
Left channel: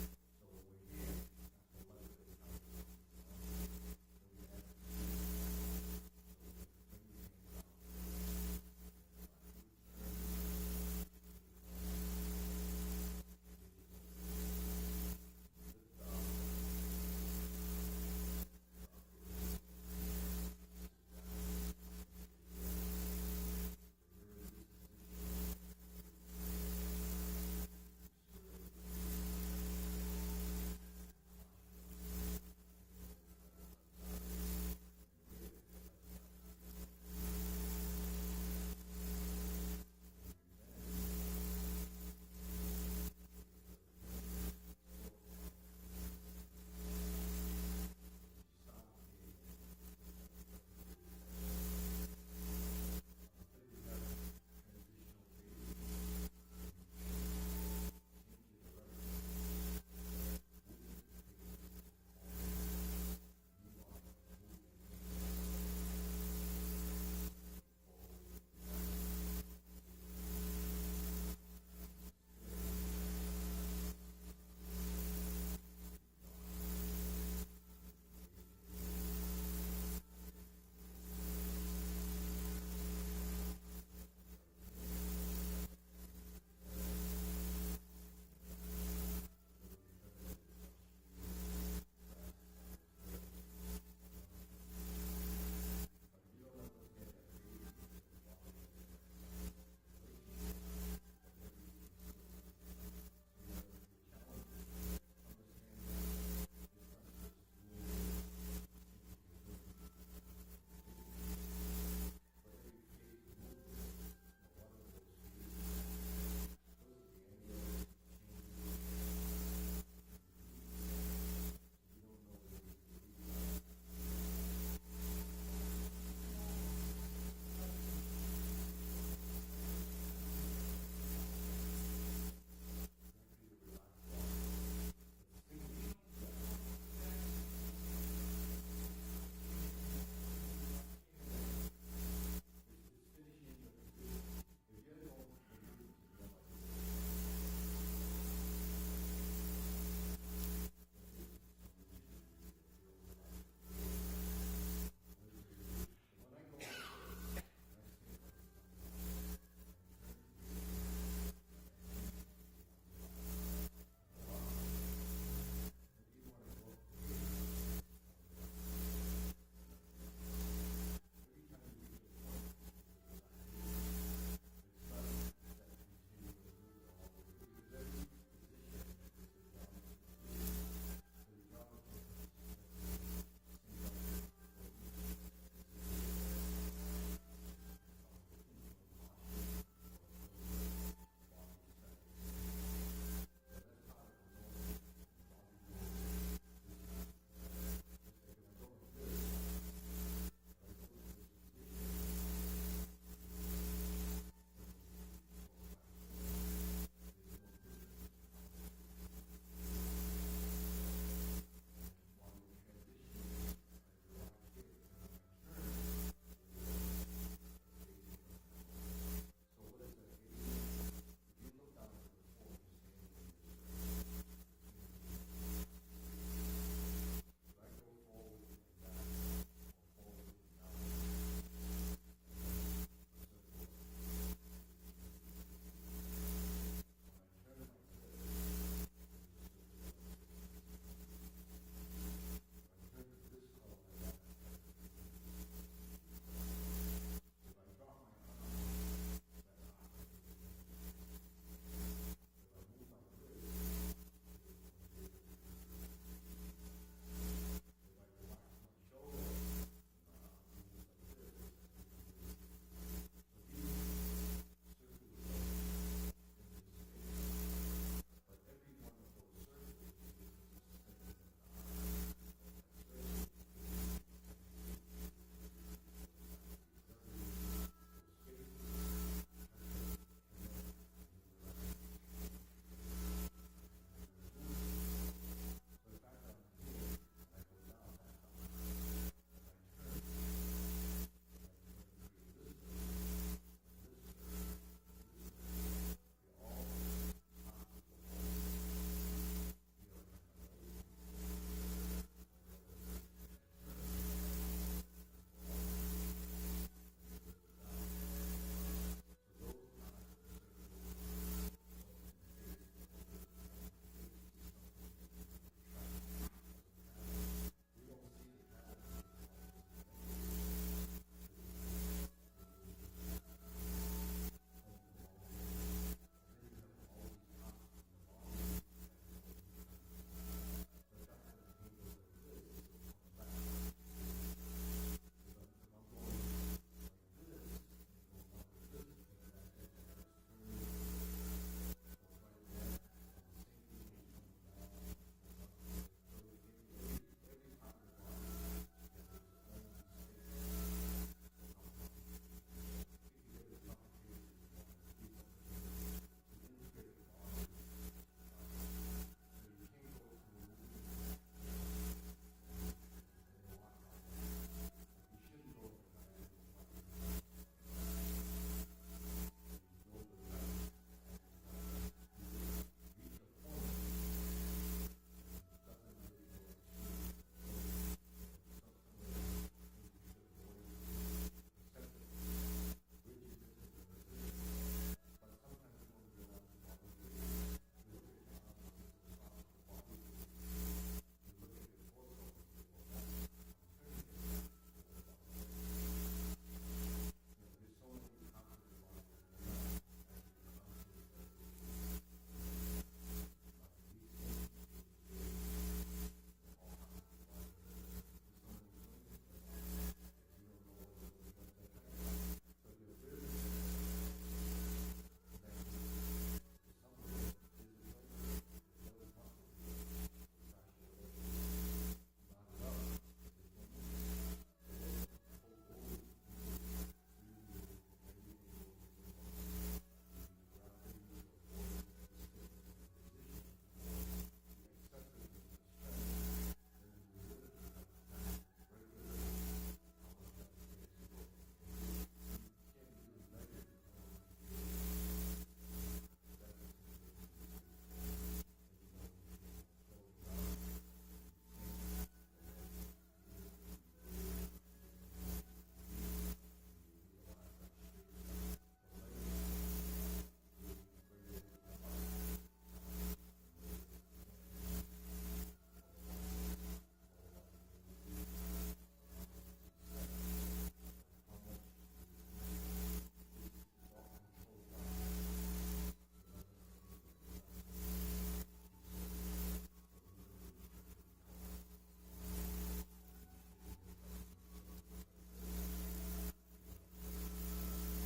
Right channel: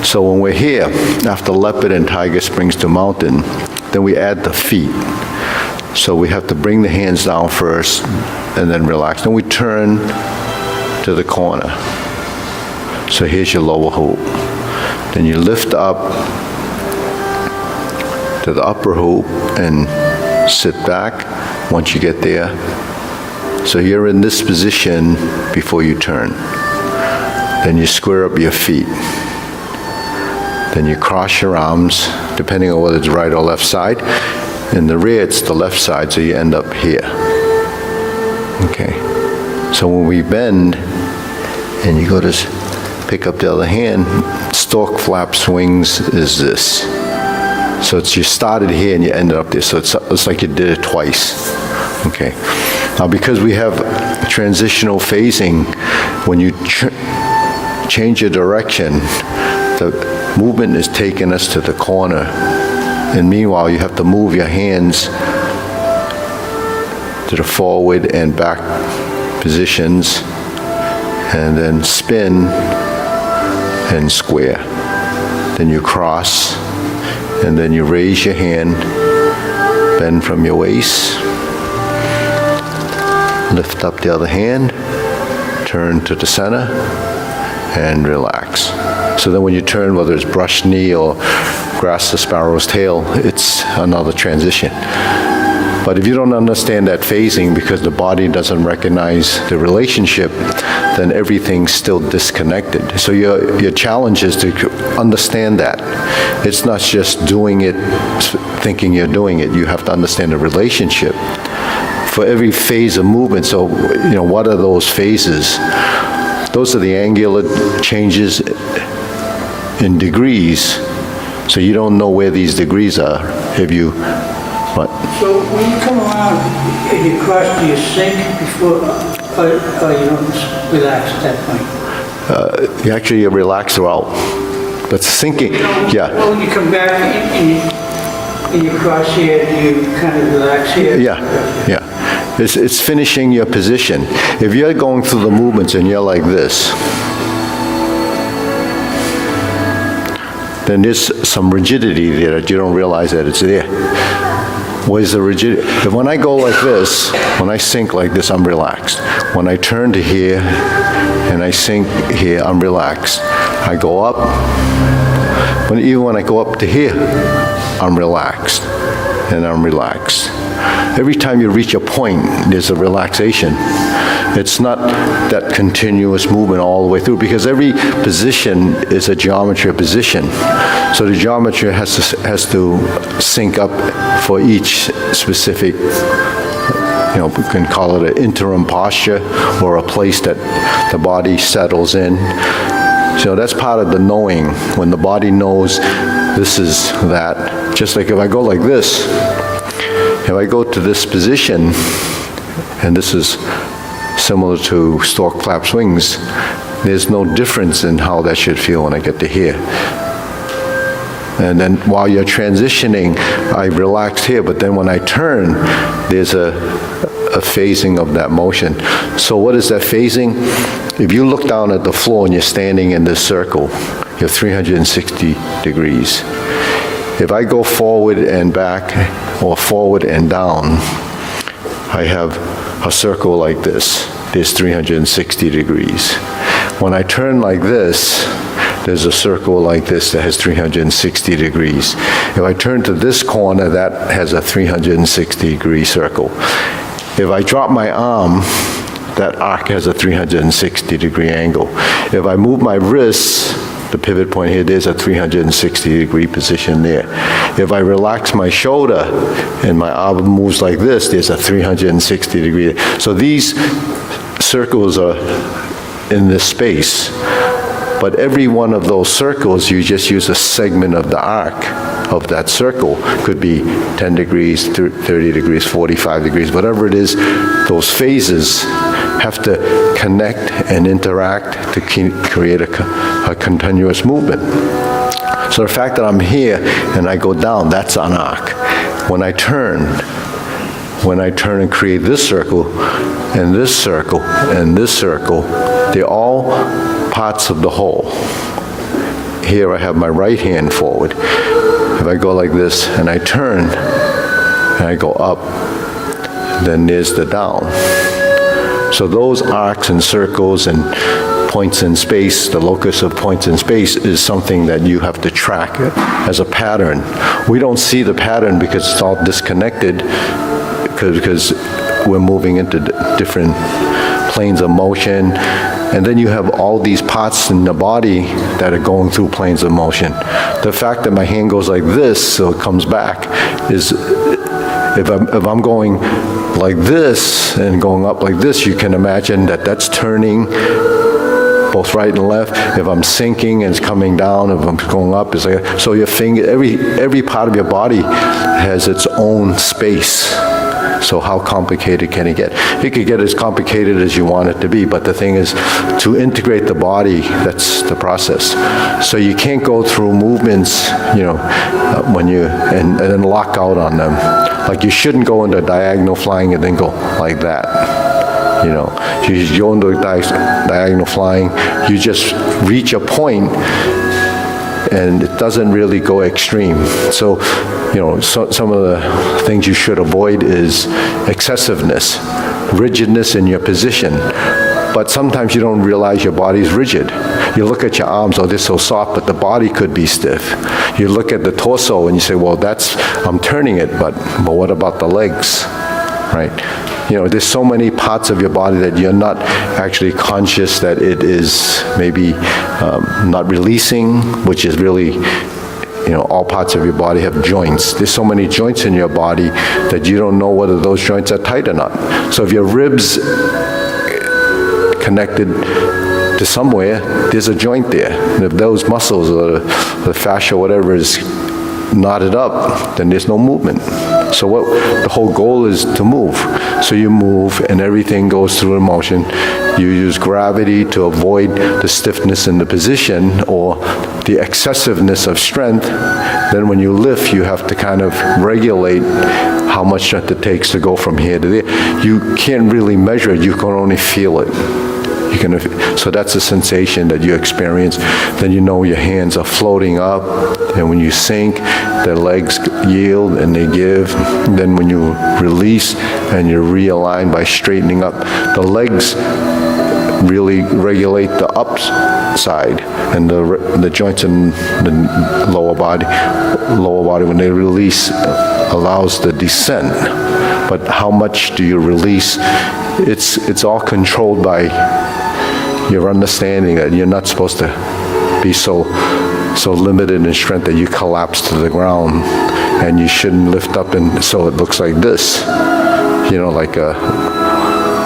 So when we're here, after leopard and tiger springs to mountain, then we add the feet. So we have to bring the hands down first and then relax. Then we turn to the corner. So here's your lower hoop. Then you lift up to the upper hoop and sit back once you get there. So you're in this position before you turn. Then you square up your feet. Then you cross your arms, depending on whether it's right or left side. In the rear, it's the left side, so you end up here. Okay. So when we bend, and you go to pick up the other hand, stork flap swings is this. So it's you started here and you ended up there. So it's like you did it twice. Okay. Now because we have transitional phasing, when you change your direction, the movement is taking us to the corner. And meanwhile, you have to move your hands to the forward and back positions, and then spin and square. Then you cross, and then you raise your hand, bend from your waist, lift up the other hand, turn to the center, and relax. So then when you turn, whether it's brush knee or grasp the sparrow's tail, it's another transition. But if you don't understand that phasing because the body doesn't recognize the relationship, then everything's still disconnected. So your challenge is to understand that. It's not just doing it, thinking you're doing it. You have to understand the relationship. For every phase of movement, so what are those phases? Those are the angular changes in degrees. So you don't know where these degrees are. Have you, what? So when you come around and you cross, do you sink before, or you don't relax at that point? You actually relax throughout. But sinking, yeah. Well, when you come back and you cross here, do you kind of relax here? Yeah. It's finishing your position. If you're going through the movements and you're like this, then there's some rigidity there that you don't realize that it's there. Where's the rigidity? If when I go like this, when I sink like this, I'm relaxed. When I turn to here and I sink here, I'm relaxed. I go up, but even when I go up to here, I'm relaxed, and I'm relaxed. Every time you reach a point, there's a relaxation. It's not that continuous movement all the way through, because every position is a geometry position. So the geometry has to sync up for each specific, we can call it an interim posture or a place that the body settles in. So that's part of the knowing. When the body knows this is that, just like if I go like this, if I go to this position, and this is similar to stork flap swings, there's no difference in how that should feel when I get to here. And then while you're transitioning, I relax here, but then when I turn, there's a phasing of that motion. So what is that phasing? If you look down at the floor and you're standing in this circle, you're 360 degrees. If I go forward and back or forward and down, I have a circle like this. There's 360 degrees. When I turn like this, there's a circle like this that has 360 degrees. If I turn to this corner, that has a 360-degree circle. If I drop my arm, that arc has a 360-degree angle. If I move my wrists, the pivot point here, there's a 360-degree position there. If I relax my shoulder and my arm moves like this, there's a 360-degree. So these circles are in this space, but every one of those circles, you just use a segment of the arc of that circle. Could be 10 degrees, 30 degrees, 45 degrees, whatever it is, those phases have to connect and interact to create a continuous movement. So the fact that I'm here and I go down, that's an arc. When I turn and create this circle, and this circle, and this circle, they're all parts of the whole. Here I have my right hand forward. If I go like this and I turn and I go up, then there's the down. So those arcs and circles and points in space, the locus of points in space, is something that you have to track as a pattern. We don't see the pattern because it's all disconnected, because we're moving into different planes of motion. And then you have all these parts in the body that are going through planes of motion. The fact that my hand goes like this, so it comes back, is if I'm going like this and going up like this, you can imagine that that's turning both right and left. If I'm sinking and it's coming down, if I'm going up, it's like, so your finger, every part of your body has its own space. So how complicated can it get? It could get as complicated as you want it to be, but the thing is, to integrate the body, that's the process. So you can't go through movements, when you, and then lock out on them. Like you shouldn't go into diagonal flying and then go like that. You go into diagonal flying, you just reach a point and it doesn't really go extreme. So, some of the things you should avoid is excessiveness, rigidness in your position. But sometimes you don't realize your body's rigid. You look at your arms, they're so soft, but the body could be stiff. You look at the torso and you say, well, I'm turning it, but what about the legs, right? There's so many parts of your body that you're not actually conscious that it is maybe not releasing, which is really, all parts of your body have joints. There's so many joints in your body that you don't know whether those joints are tight or not. So if your ribs connected to somewhere, there's a joint there. And if those muscles or the fascia or whatever is knotted up, then there's no movement. So the whole goal is to move. So you move and everything goes through a motion. You use gravity to avoid the stiffness in the position or the excessiveness of strength. Then when you lift, you have to kind of regulate how much strength it takes to go from here to there. You can't really measure it, you can only feel it. So that's a sensation that you experience. Then your hands are floating up, and when you sink, the legs yield and they give. And then when you release and you realign by straightening up, the legs really regulate the upside, and the joints in the lower body, when they release, allows the descent. But how much do you release? It's all controlled by your understanding that you're not supposed to be so limited in strength that you collapse to the ground, and you shouldn't lift up and so it looks like this,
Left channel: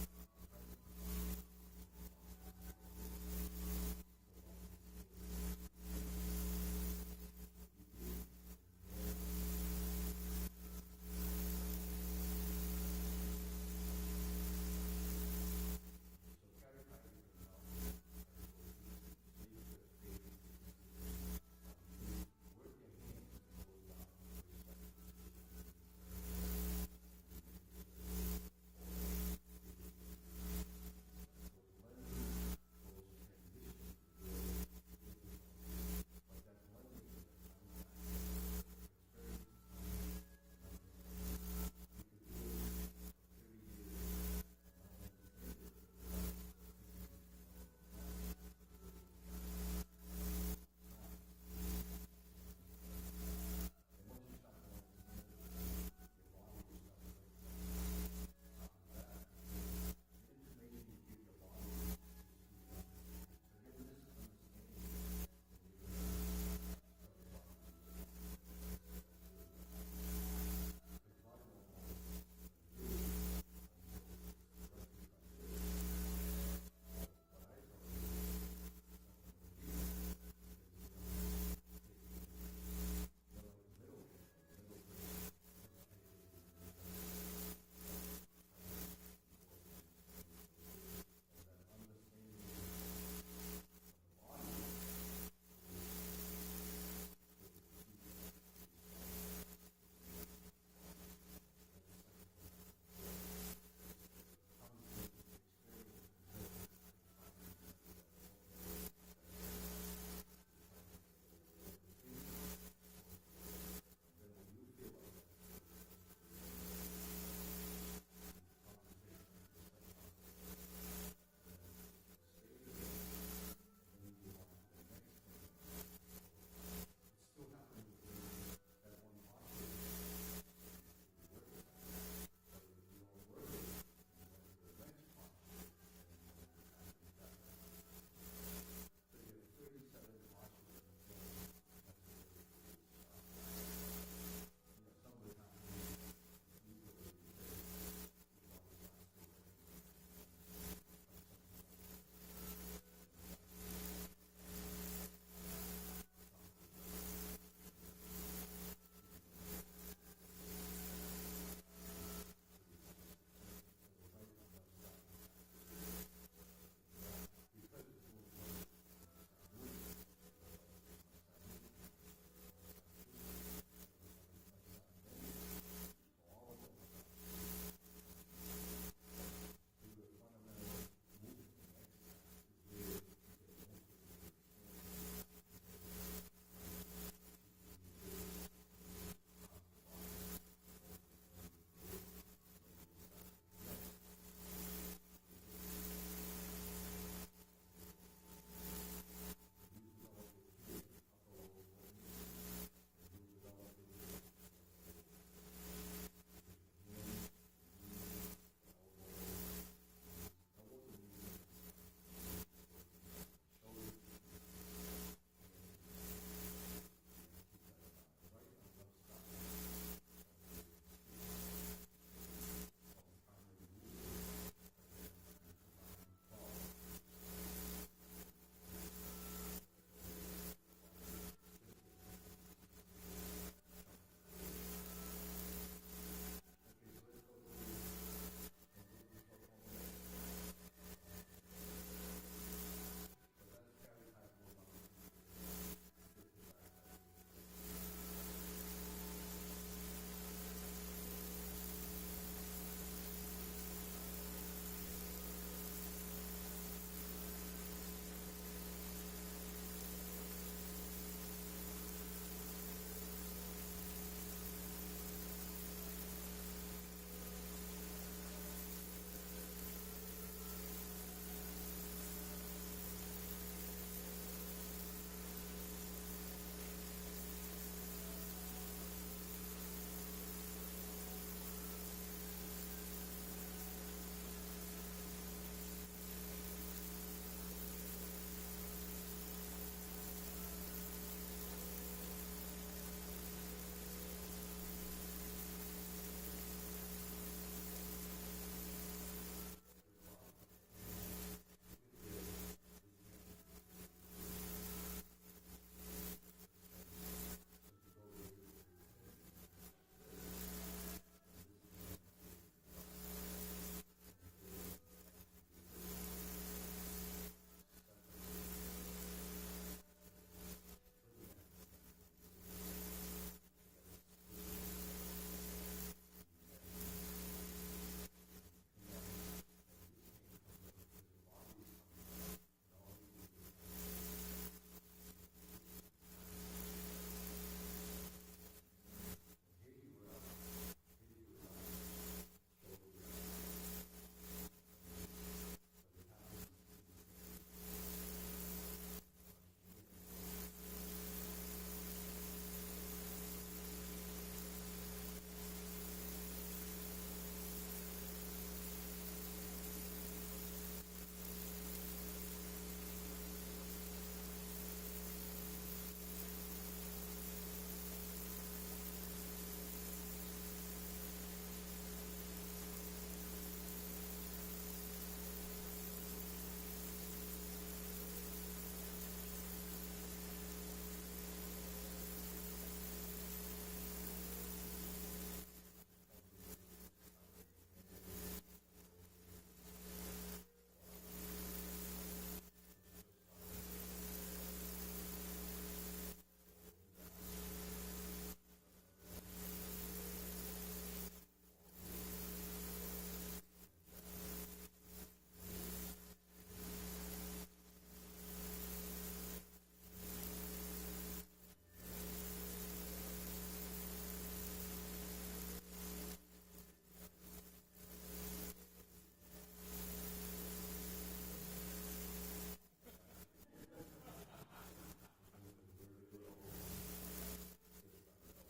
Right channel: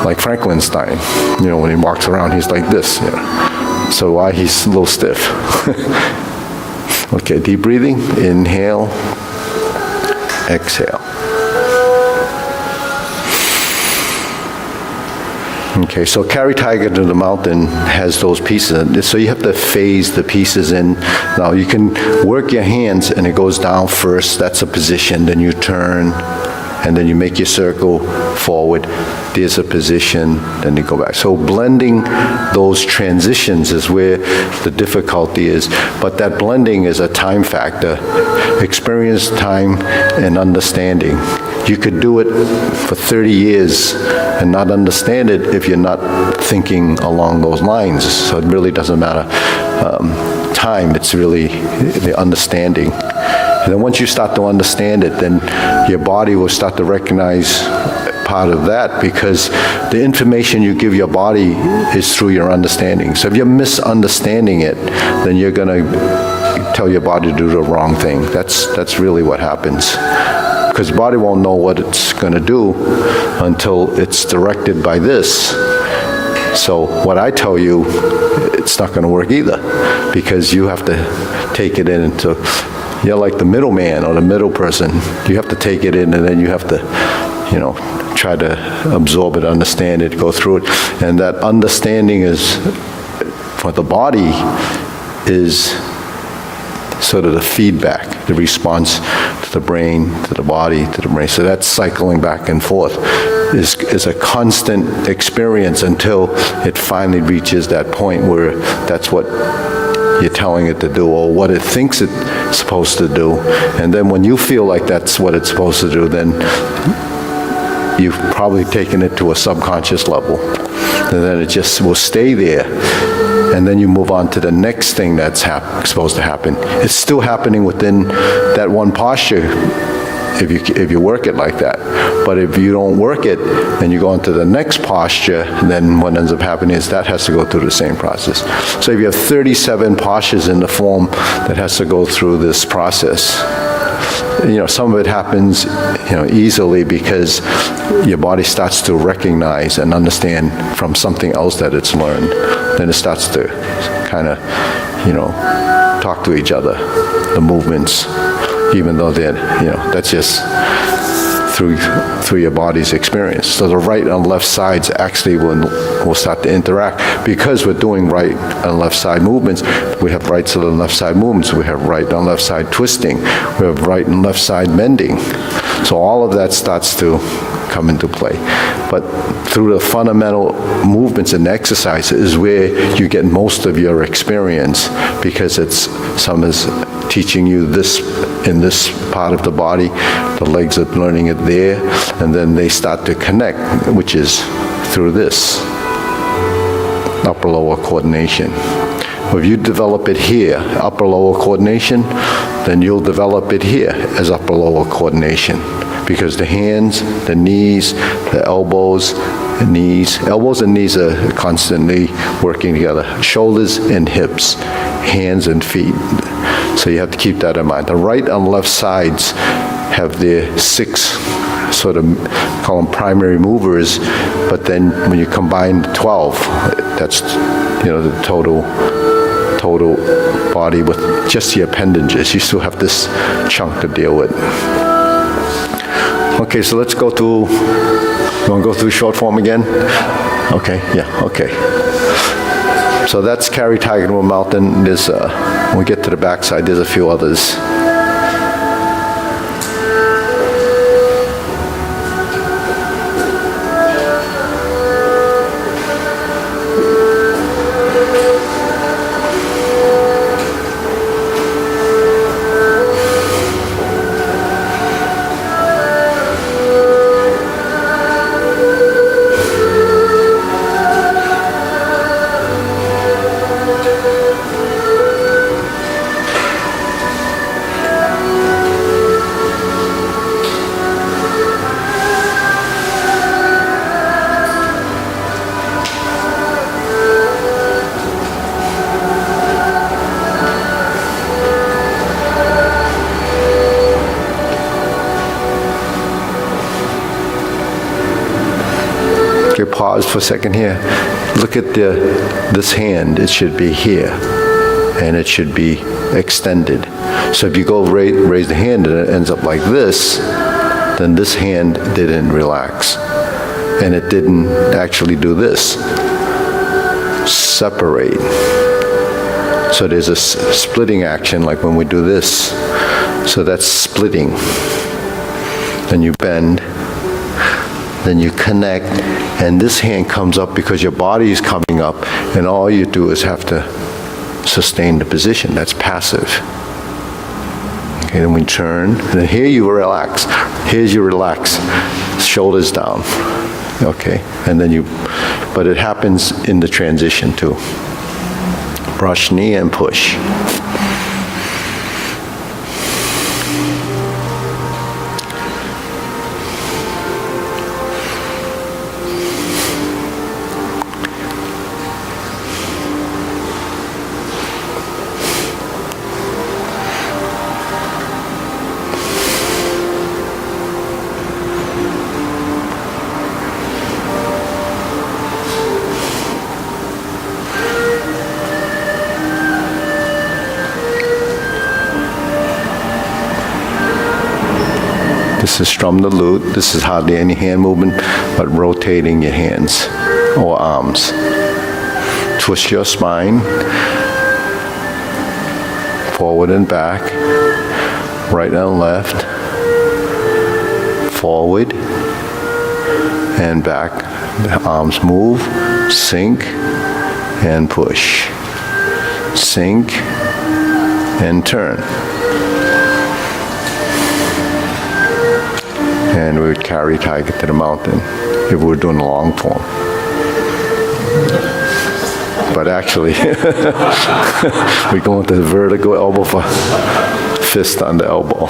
like Frankenstein, when he walks around he's like this, so why he's a little stiff. Okay, deep breathing, inhale, exhale. Okay, so carry tiger to the mountain has those pieces in it, so you have to phase the pieces in. Now you can work your hands and it goes down first, that's a position, then you turn, and then you make your circle forward, there's a position, then you go back. So blending those transitions is where the difficulty is, but that blending is a time factor, experience, time, and understanding. You could do it for 30 years and not understand it if you're not thinking along those lines. So it really doesn't matter time, it's really the understanding. And then once you start to understand it, then your body will start to recognize part of that, because the information you give your body is through your understanding. So if you're misunderstanding it, then you're going to tell your body to do the wrong thing. That's really what happens. Because the body won't know what it's going to do until it's directed by this. So what I tell you, it's not going to work either, because you have to take it in into, you're like the middleman or the middle person. You have to take it in, and then you have to, try to absorb it, understand it, go through it. And that understanding is, for the body, is sort of the feedback, the response to the brain, to the body, to the brain. So that's cycling back and forth is a constant experience until it finally reaches that point where that's what you're telling it to do, or what it thinks it's supposed to do. And then when you feel like that's what it's supposed to do, then you've probably taken it to a subconscious level. And then it just will stay there. And then you move on to the next thing that's supposed to happen. It's still happening within that one posture if you work it like that. But if you don't work it and you go into the next posture, then what ends up happening is that has to go through the same process. So if you have 37 postures in the form that has to go through this process, some of it happens, easily because your body starts to recognize and understand from something else that it's learned. Then it starts to kind of, talk to each other, the movements, even though they're, that's just through your body's experience. So the right and left sides actually will start to interact, because we're doing right and left side movements. We have right side and left side movements. We have right and left side twisting. We have right and left side bending. So all of that starts to come into play. But through the fundamental movements and exercises is where you get most of your experience, because some is teaching you this in this part of the body, the legs are learning it there, and then they start to connect, which is through this upper-lower coordination. If you develop it here, upper-lower coordination, then you'll develop it here as upper-lower coordination, because the hands, the knees, the elbows and knees are constantly working together. Shoulders and hips, hands and feet. So you have to keep that in mind. The right and left sides have their 6 sort of, call them primary movers, but then when you combine 12, that's, the total body with just the appendages. You still have this chunk to deal with. Okay, so let's go through, you want to go through short form again? Okay, yeah, okay. So that's carry tiger to a mountain. There's, when we get to the backside, there's a few others. Pause for a second here. Look at this hand. It should be here, and it should be extended. So if you go raise the hand and it ends up like this, then this hand didn't relax. and it didn't actually do this. Separate. So there's a splitting action like when we do this. So that's splitting. Then you bend, then you connect, and this hand comes up because your body is coming up, and all you do is have to sustain the position. That's passive. Okay, then we turn, and then here you relax. Here's you relax, shoulders down. Okay, and then you, but it happens in the transition too. Brush knee and push. This is from the lute. This is hardly any hand movement, but rotating your hands or arms. Twist your spine, forward and back, right and left, forward and back. The arms move, sink and push. Sink and turn. And we would carry tiger to the mountain if we were doing a long form. But actually, we go into the vertical elbow for fist on the elbow.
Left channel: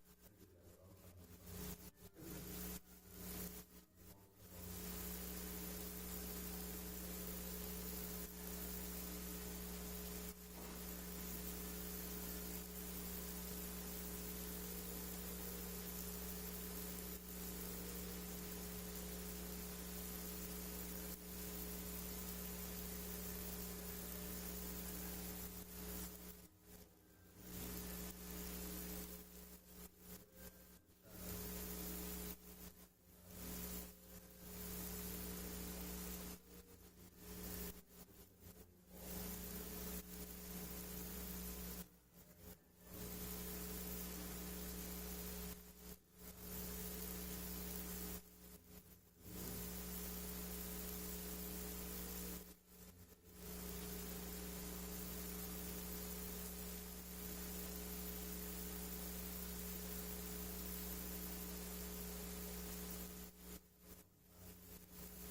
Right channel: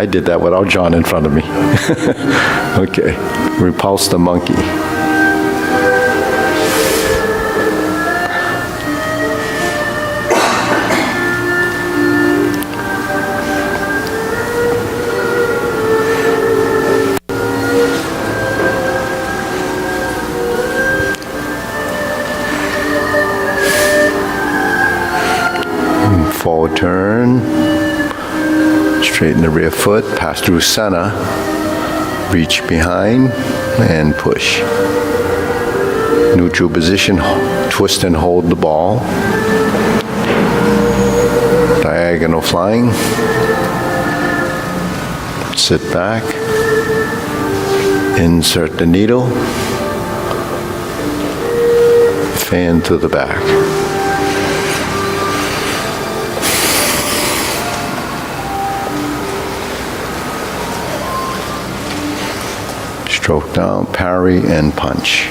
I did that without John in front of me. Okay, repulse the monkey. Forward turn, straighten the rear foot, pass through center, reach behind, and push. Neutral position, twist and hold the ball. Diagonal flying. Sit back, insert the needle, fan to the back. Stroke down, parry, and punch.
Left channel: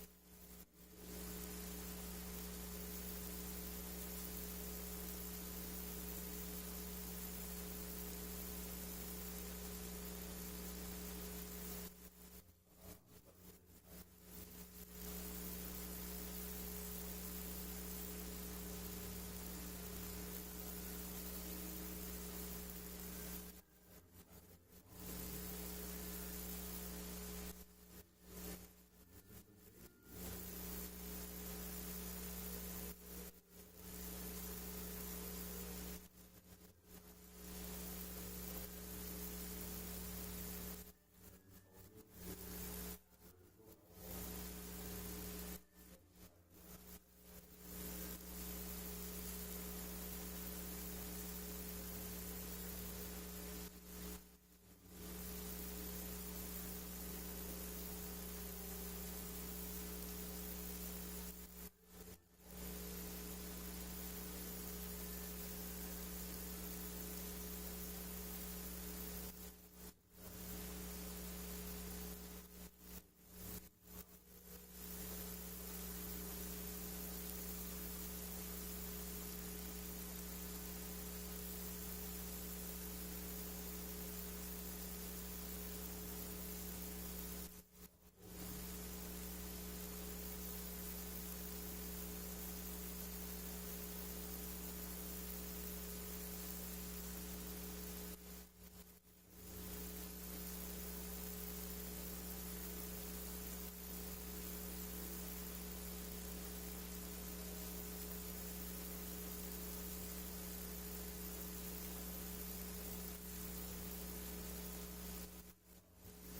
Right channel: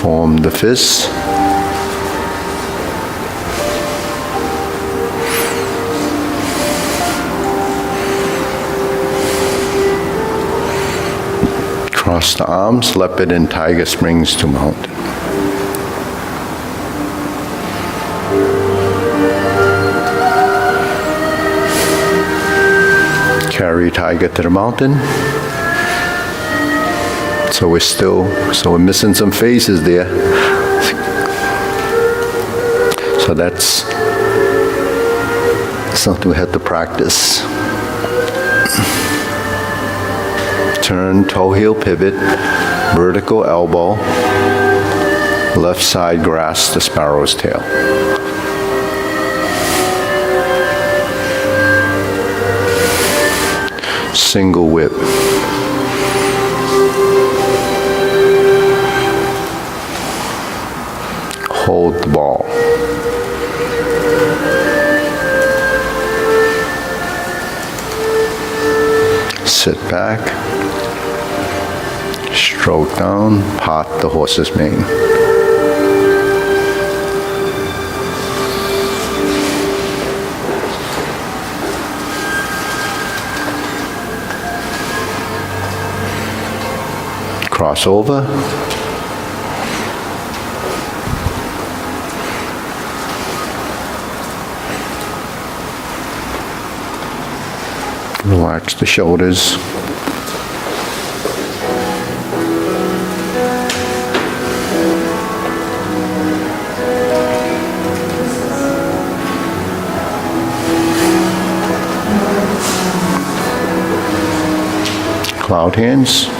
Form the fists. Cross the arms, leopard and tiger springs to mountain. Carry tiger to the mountain. So we're missing some phases there. So that's something we had to practice. Turn, toe heel pivot, vertical elbow, left side grasp the sparrow's tail. Single whip. Hold the ball. Sit back. Stroke down, pot the horse's mane. Cross over. Relax the shoulders. Cloud hands.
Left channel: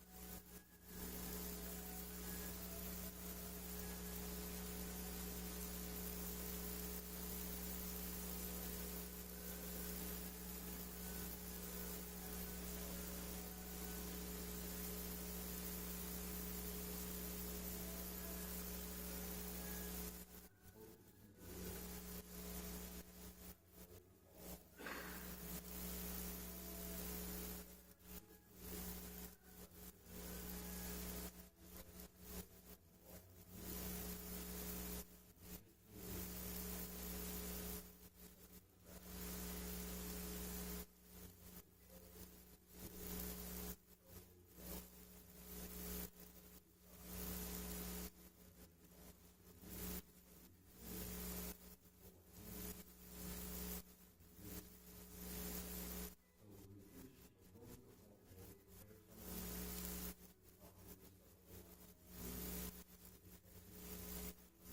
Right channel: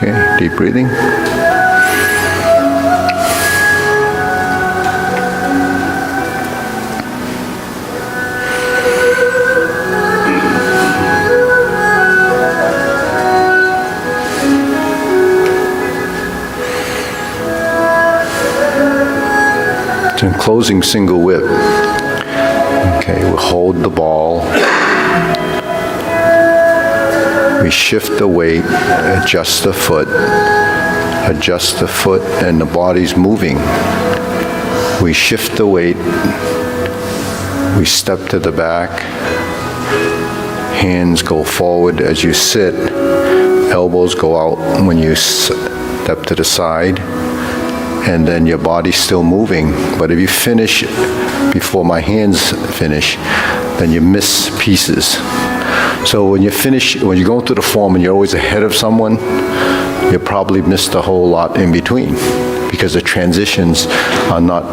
Okay, deep breathing. Then closing single whip. Okay, we hold the ball. We shift the weight, adjust the foot, and the body's moving. We shift the weight. We step to the back. Hands go forward as you sit. Elbows go out when you step to the side. And then your body's still moving. But if you finish before my hands finish, then you miss pieces. So when you finish, when you go through the form and you're always ahead of someone, you probably missed a whole lot in between because the transitions are not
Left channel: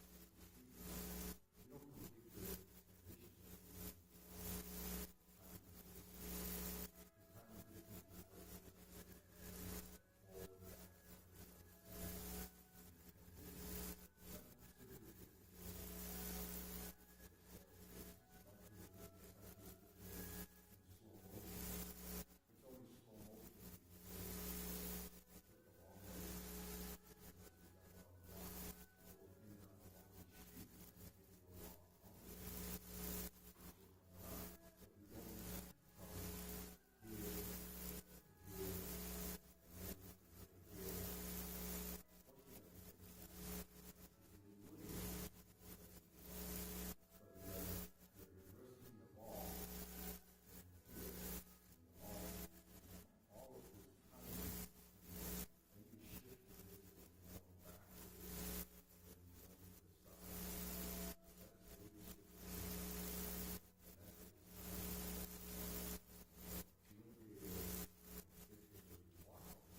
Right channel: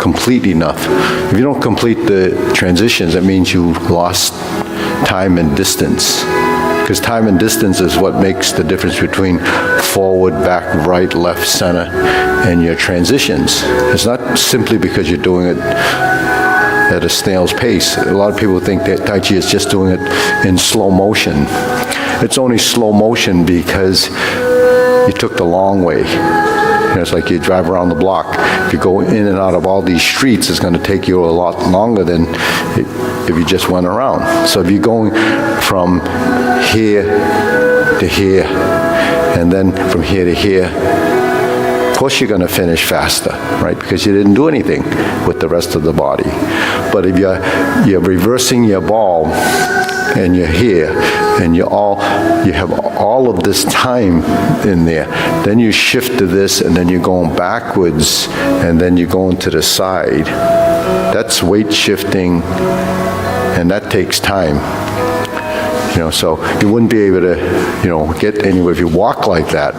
complete enough. If you don't complete the transitions, that means you lost time and distance. Because time and distance is what makes the difference between forward, back, right, left, center, and your transitions. It's not simply because you're doing it at a snail's pace. A lot of people think that Tai Chi is just doing it in slow motion. It's only slow motion because you took the long way. You know, it's like you drive around the block. If you go in and out of all these streets, it's going to take you a lot longer than if you just went around. So if you're going from here to here, and then from here to here, of course you're going to finish faster, right? Because you didn't do anything with the rest of the body. But if you're reversing your ball, and you're here, and you have all of this time in there, then you shift to this, and then you're going backwards, and then you're going to the side. That's weight shifting, and that takes time. You know, so you wouldn't be able to, you know, get anywhere if you walk like that,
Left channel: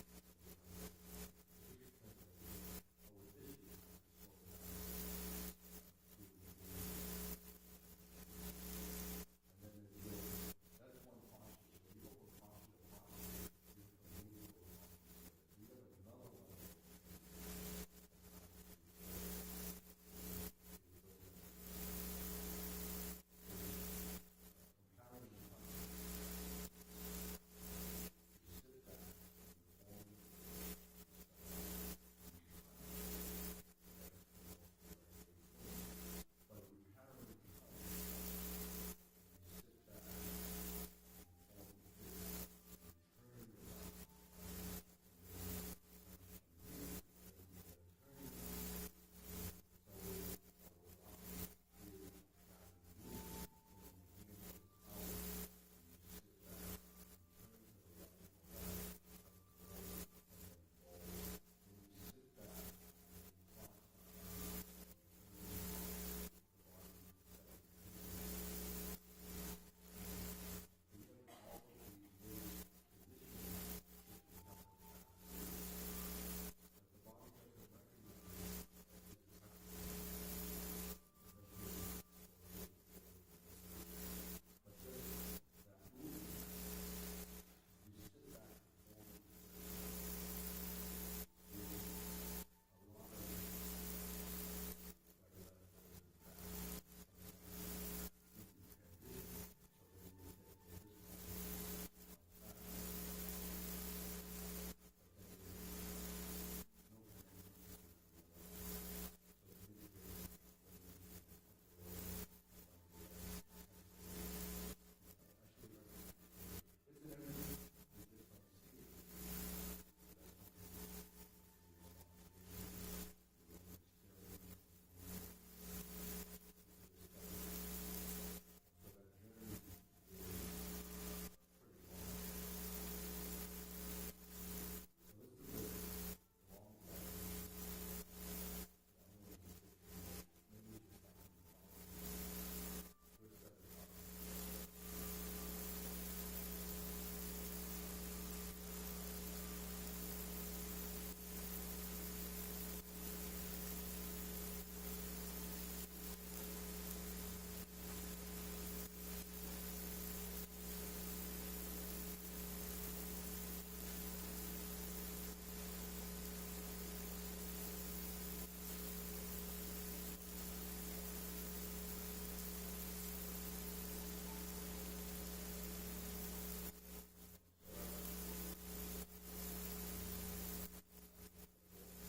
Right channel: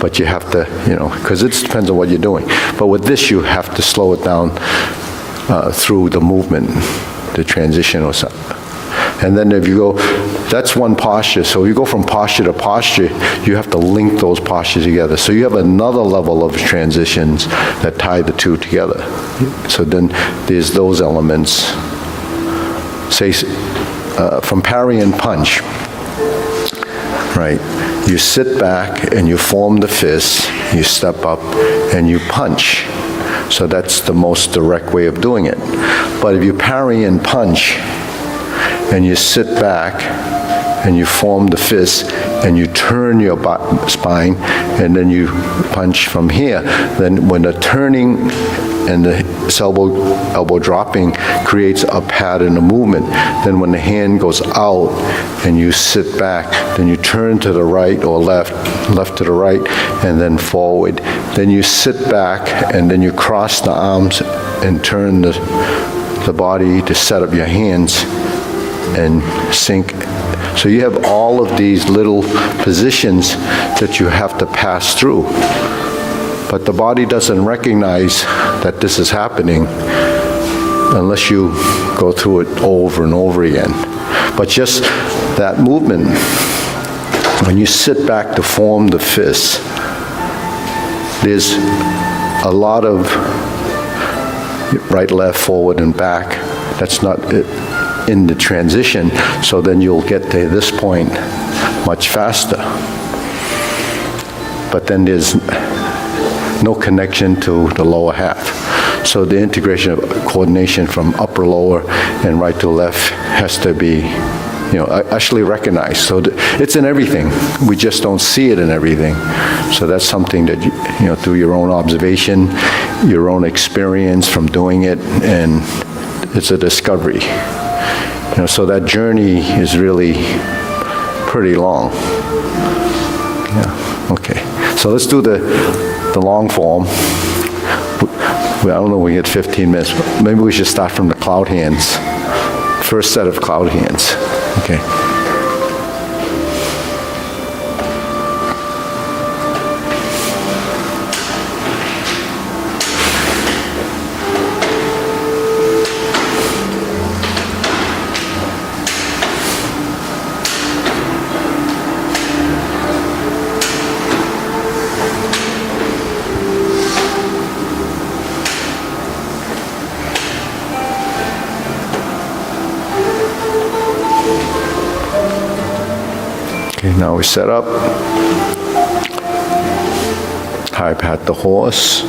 but you have to, you know, because it depends on what you're doing. But with this, you have to slow it down through the movement, the transition or something. And then if you go, that's one posture. So you go from posture to posture, you have to link those postures together. So you have another level of transitions that tie the two together. So then there's those elements. Say, from parry and punch, right? You sit back and you form the fist, you step up and you punch. So that's the most direct way of doing it. But if you parry and punch, and you sit back and you form the fist and you turn your spine and then you punch from here, then when the turning and the elbow dropping creates a pattern of movement. Then when the hand goes out and you sit back, then you turn to the right or left to the right, and then forward. Then you sit back and then you cross the arms and turn the body to set up your hands and sink. So you have all of these little positions that you have to pass through. But the body doesn't recognize that this is happening unless you go through it over and over again. But just that movement, when you sit back to form the fist, there's a lot of right, left, forward, and back. That's not it in the transition, so then you'll get to this point much faster. But then there's no connection to the lower half. So the integration of coordination from upper, lower, and right to left has to be actually recognize. So it's in everything. We just don't see it in everything. So that's something that, through your own observation, your own experience from doing it, and it's a discovery. So that journey is really pretty long. Yeah, okay. So let's do the long form. I don't know, we get 15 minutes. Maybe we should start from the cloud hands. First set of cloud hands. Okay. Okay, now we set up. High pat the horse.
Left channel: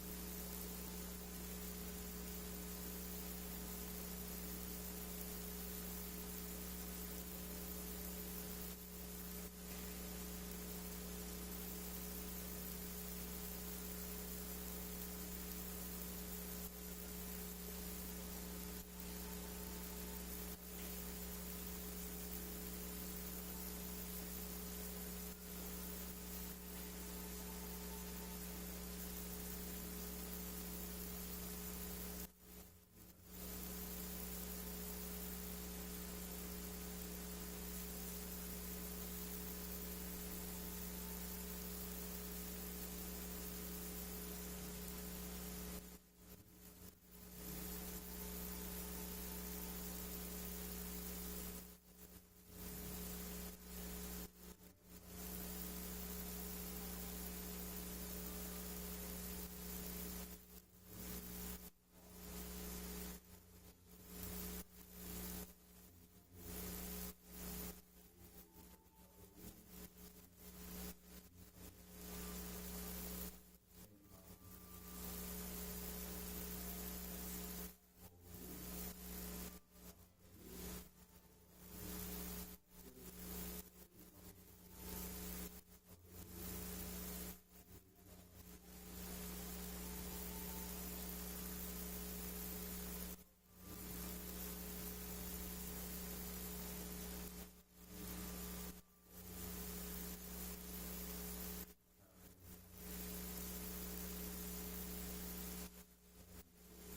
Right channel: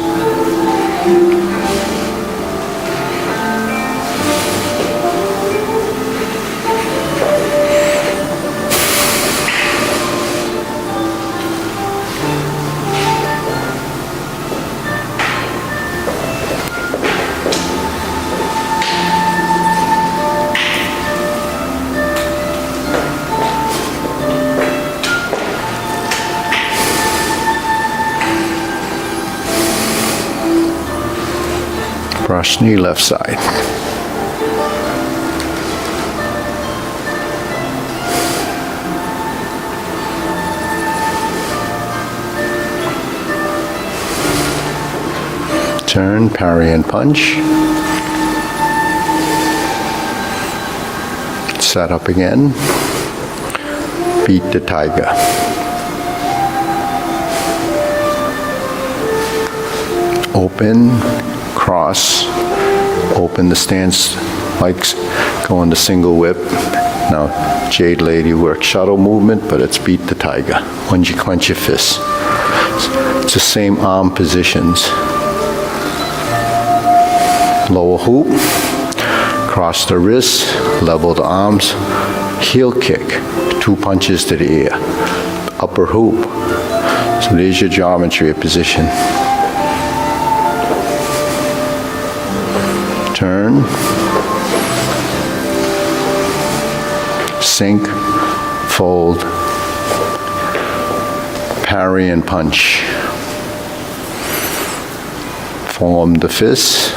Brush knee left side. Turn, parry and punch. Set up again. Beat the tiger. Open, cross, open the stance, like going to single whip. Now, Jade Lady works shuttle movement, but it's beat the tiger. When you clench your fists. It's the same arm positions. Lower hoop, cross the wrists, level the arms, heel kick, 2 punches to the ear. Upper hoop. So there's your geometry of position. Turn, sink, fold, parry and punch. Form the fist,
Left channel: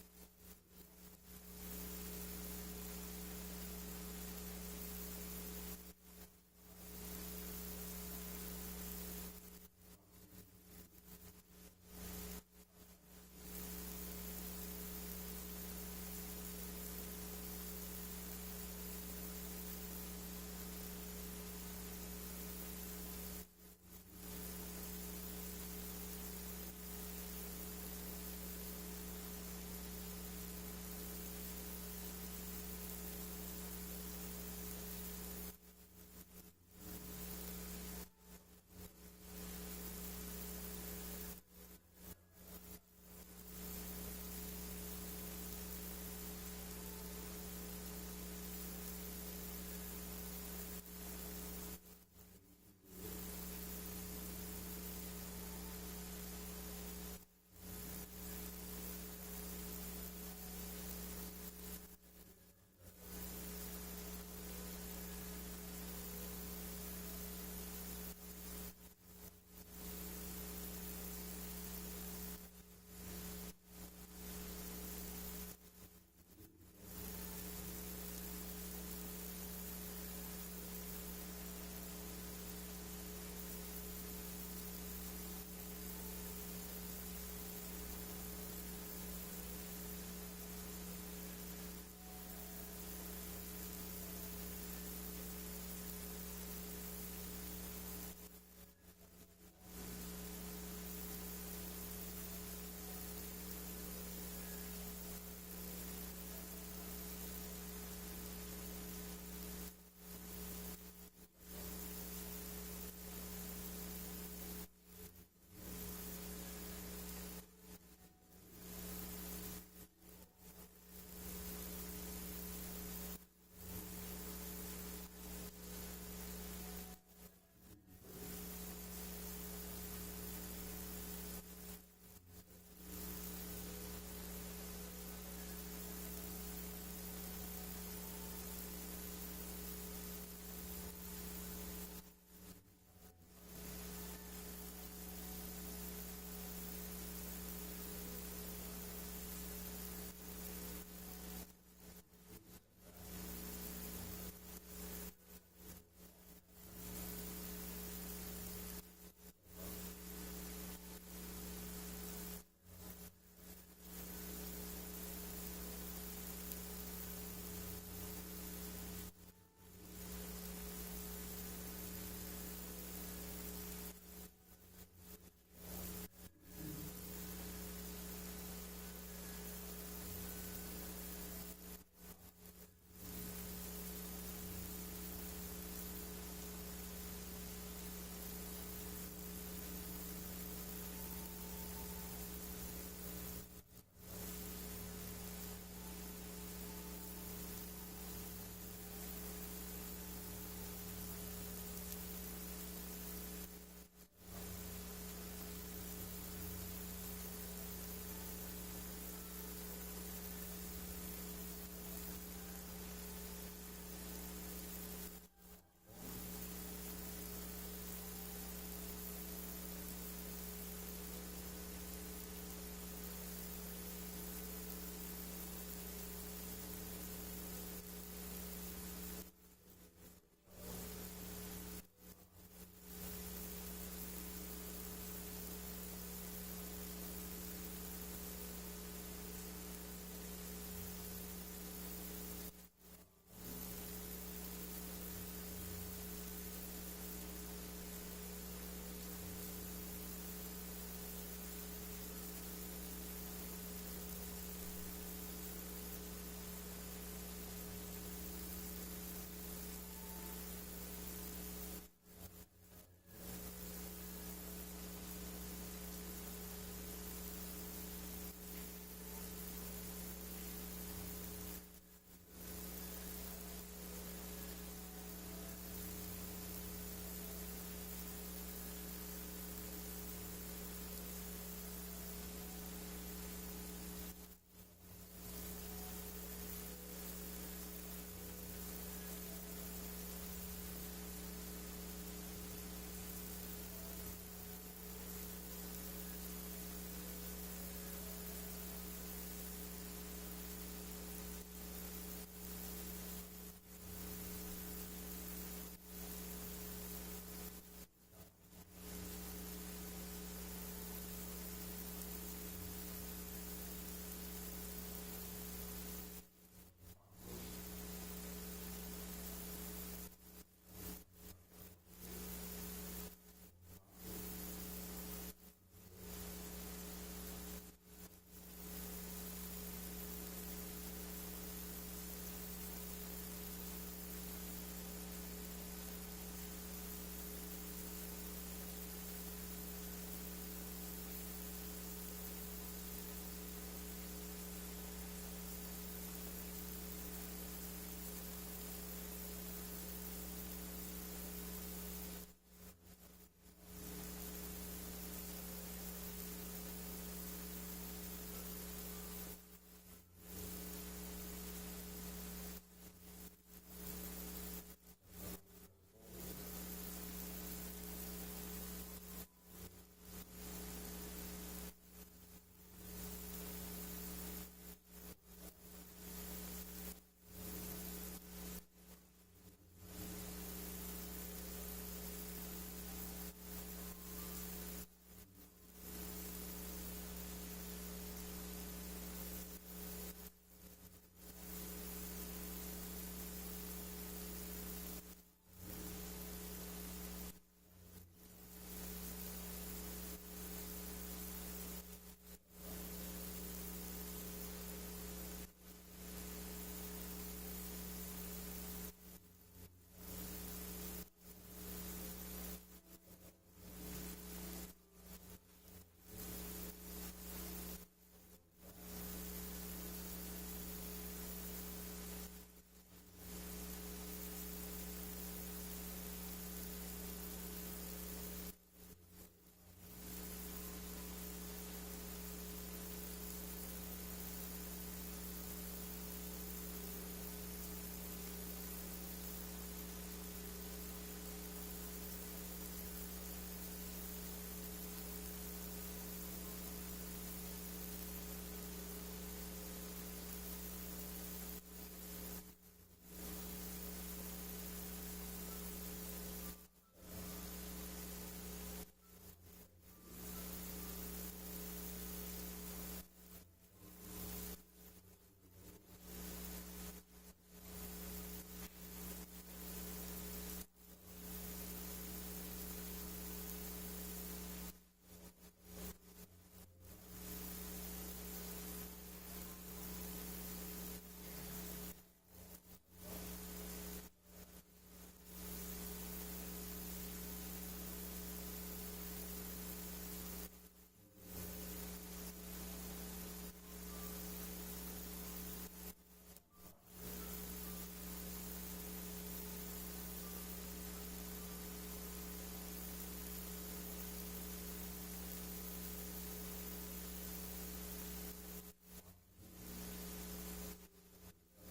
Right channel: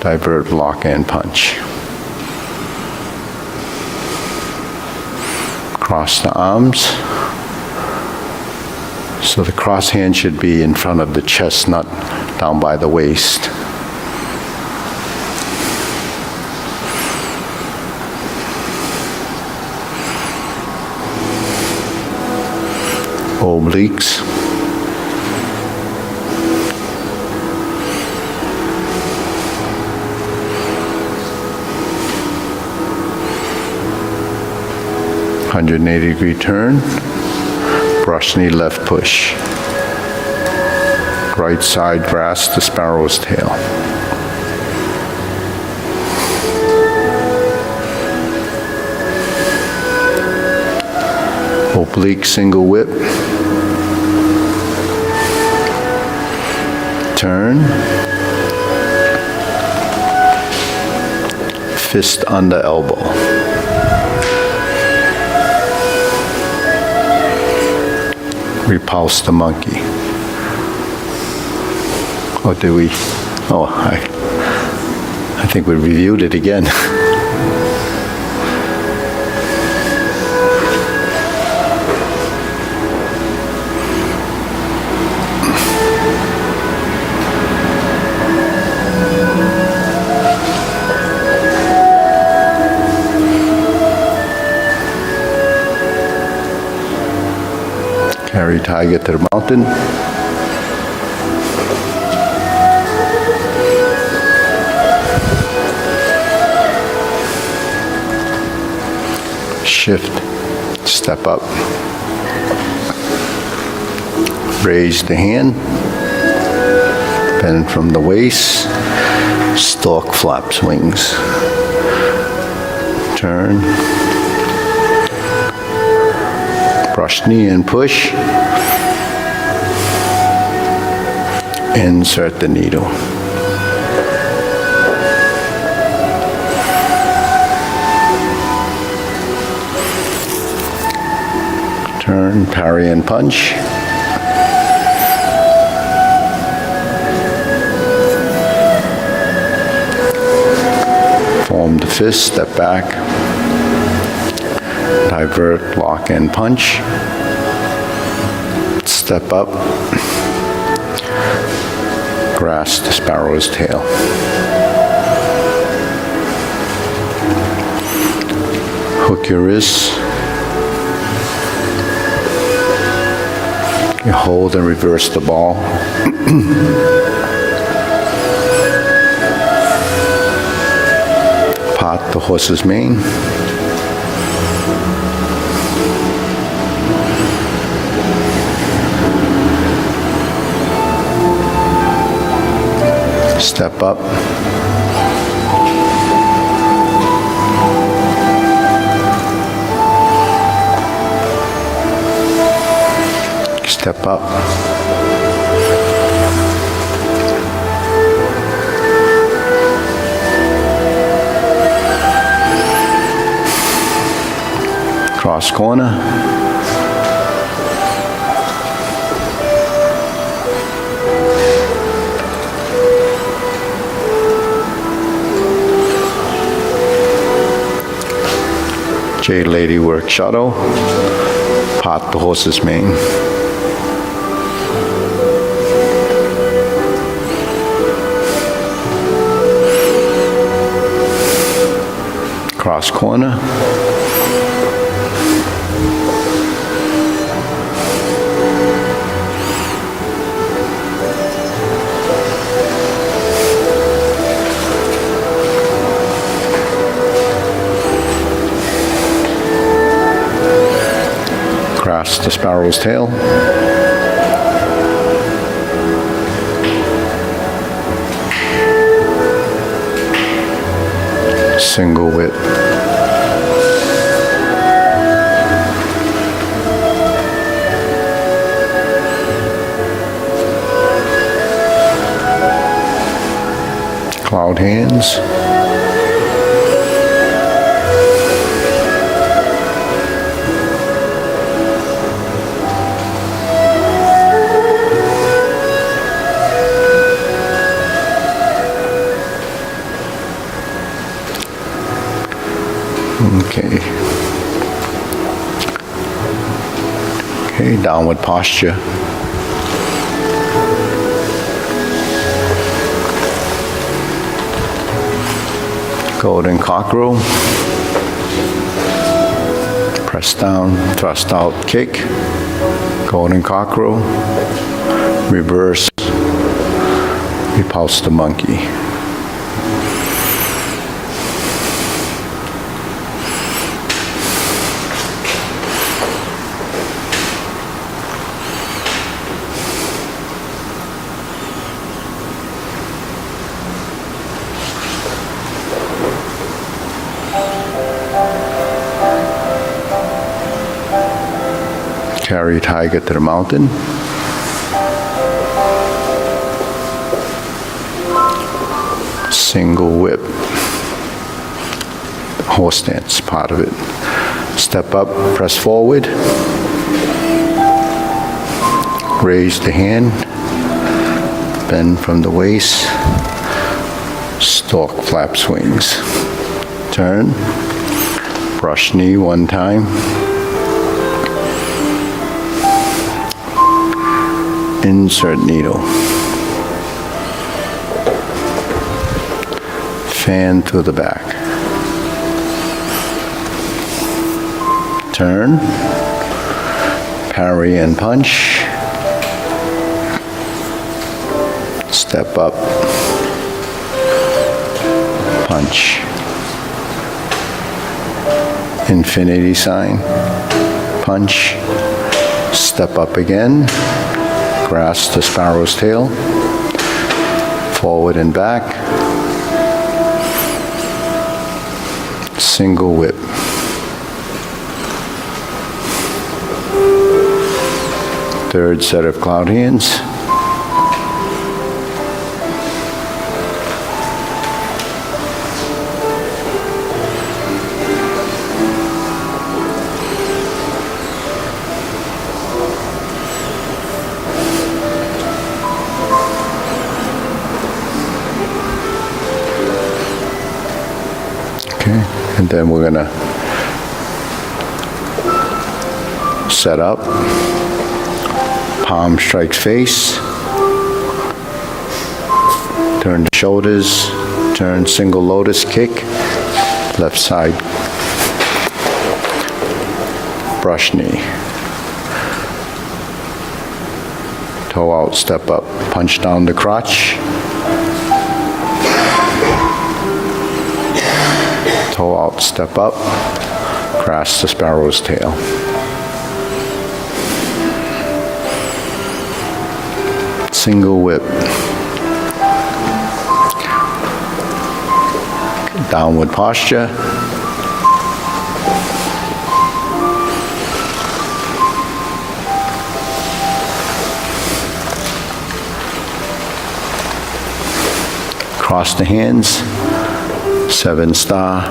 divert, block and punch. Cross the arms. So the cross hand should be in front of the chest, not down by the waist. Obliques. (180-degree turn). Brush knee left push. Right side grasp the sparrow's tail. Oblique single whip. Turn. Fist under elbow. Repulse the monkey. Or do we? Oh, I think we reviewed it again. Carry tiger to the mountain. Shift, step up. Raise the hand, bend from the waist, Stork flaps wings. Turn. Brush knee and push. Insert the needle. Turn, parry and punch. Form the fist, step back. Divert, lock and punch. Step up. Grasp the sparrow's tail. Hook your wrists. You hold and reverse the ball. Part the horse's mane. Step up. Step up. Cross corner. Jade lady work shuttle. Part the horse's mane. Cross corner. Grasp the sparrow's tail. Single whip. Cloud hands. Okay. Okay, downward posture. Golden cockerel. Press down, thrust out, kick. Golden cockerel. Reverse. Repulse the monkey. Carry tiger to the mountain. Single whip. Horse stance, part of it. Step up, press forward. Raise the hand. Bend from the waist. Stork flap swings. Turn. Brush knee one time. Insert needle. Fan to the back. Turn. Parry and punch. Step up. Punch. Infinity sign. Punch. Step up again. Grasp the sparrow's tail, forward and back, single whip. Third set of cloud hands. Okay, and then we're gonna set up, palm strikes face, turn the shoulders, turn single lotus kick, left side, brush knee, toe out, step up, punch down the crotch, toe out, step up, grasp the sparrow's tail. Single whip. Downward posture. Cross the hands. 7-star.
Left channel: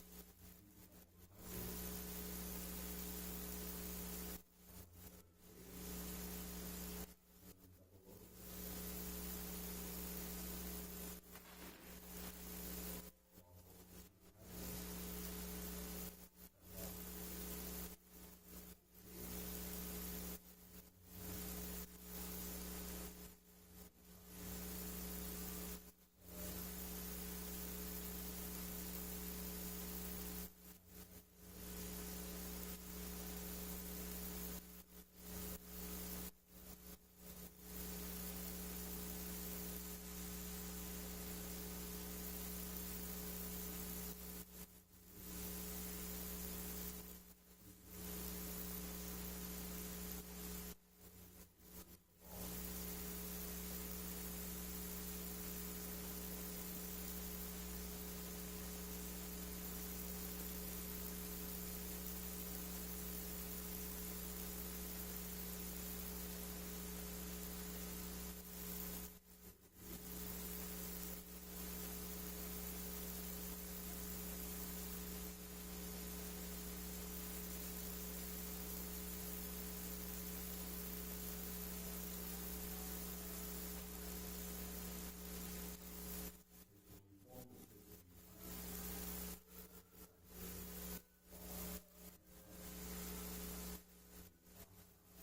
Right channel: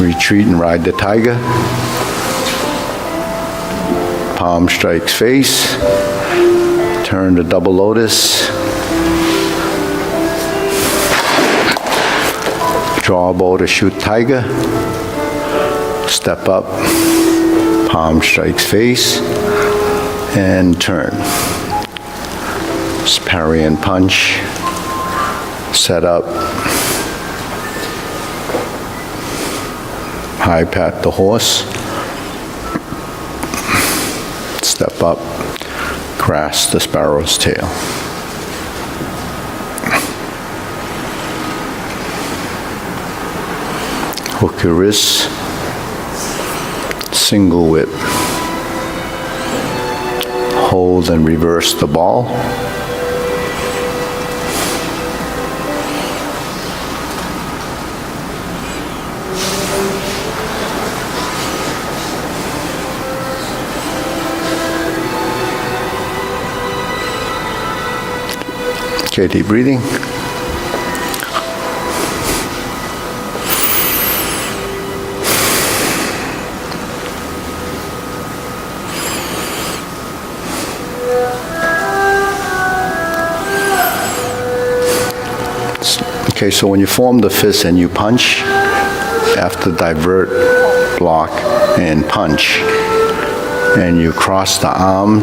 Retreat and ride the tiger. Palm strikes face. Turn to double lotus. Draw a bow to shoot tiger. Step up. Palm strikes face. And turn. Parry and punch. Set up. High pat the horse. Step up. Grasp the sparrow's tail. Hook your wrists. Single whip. Hold and reverse the ball. Okay, deep breathing. Okay, so when you form the fist and you punch, after divert, block, and punch, and you cross the arms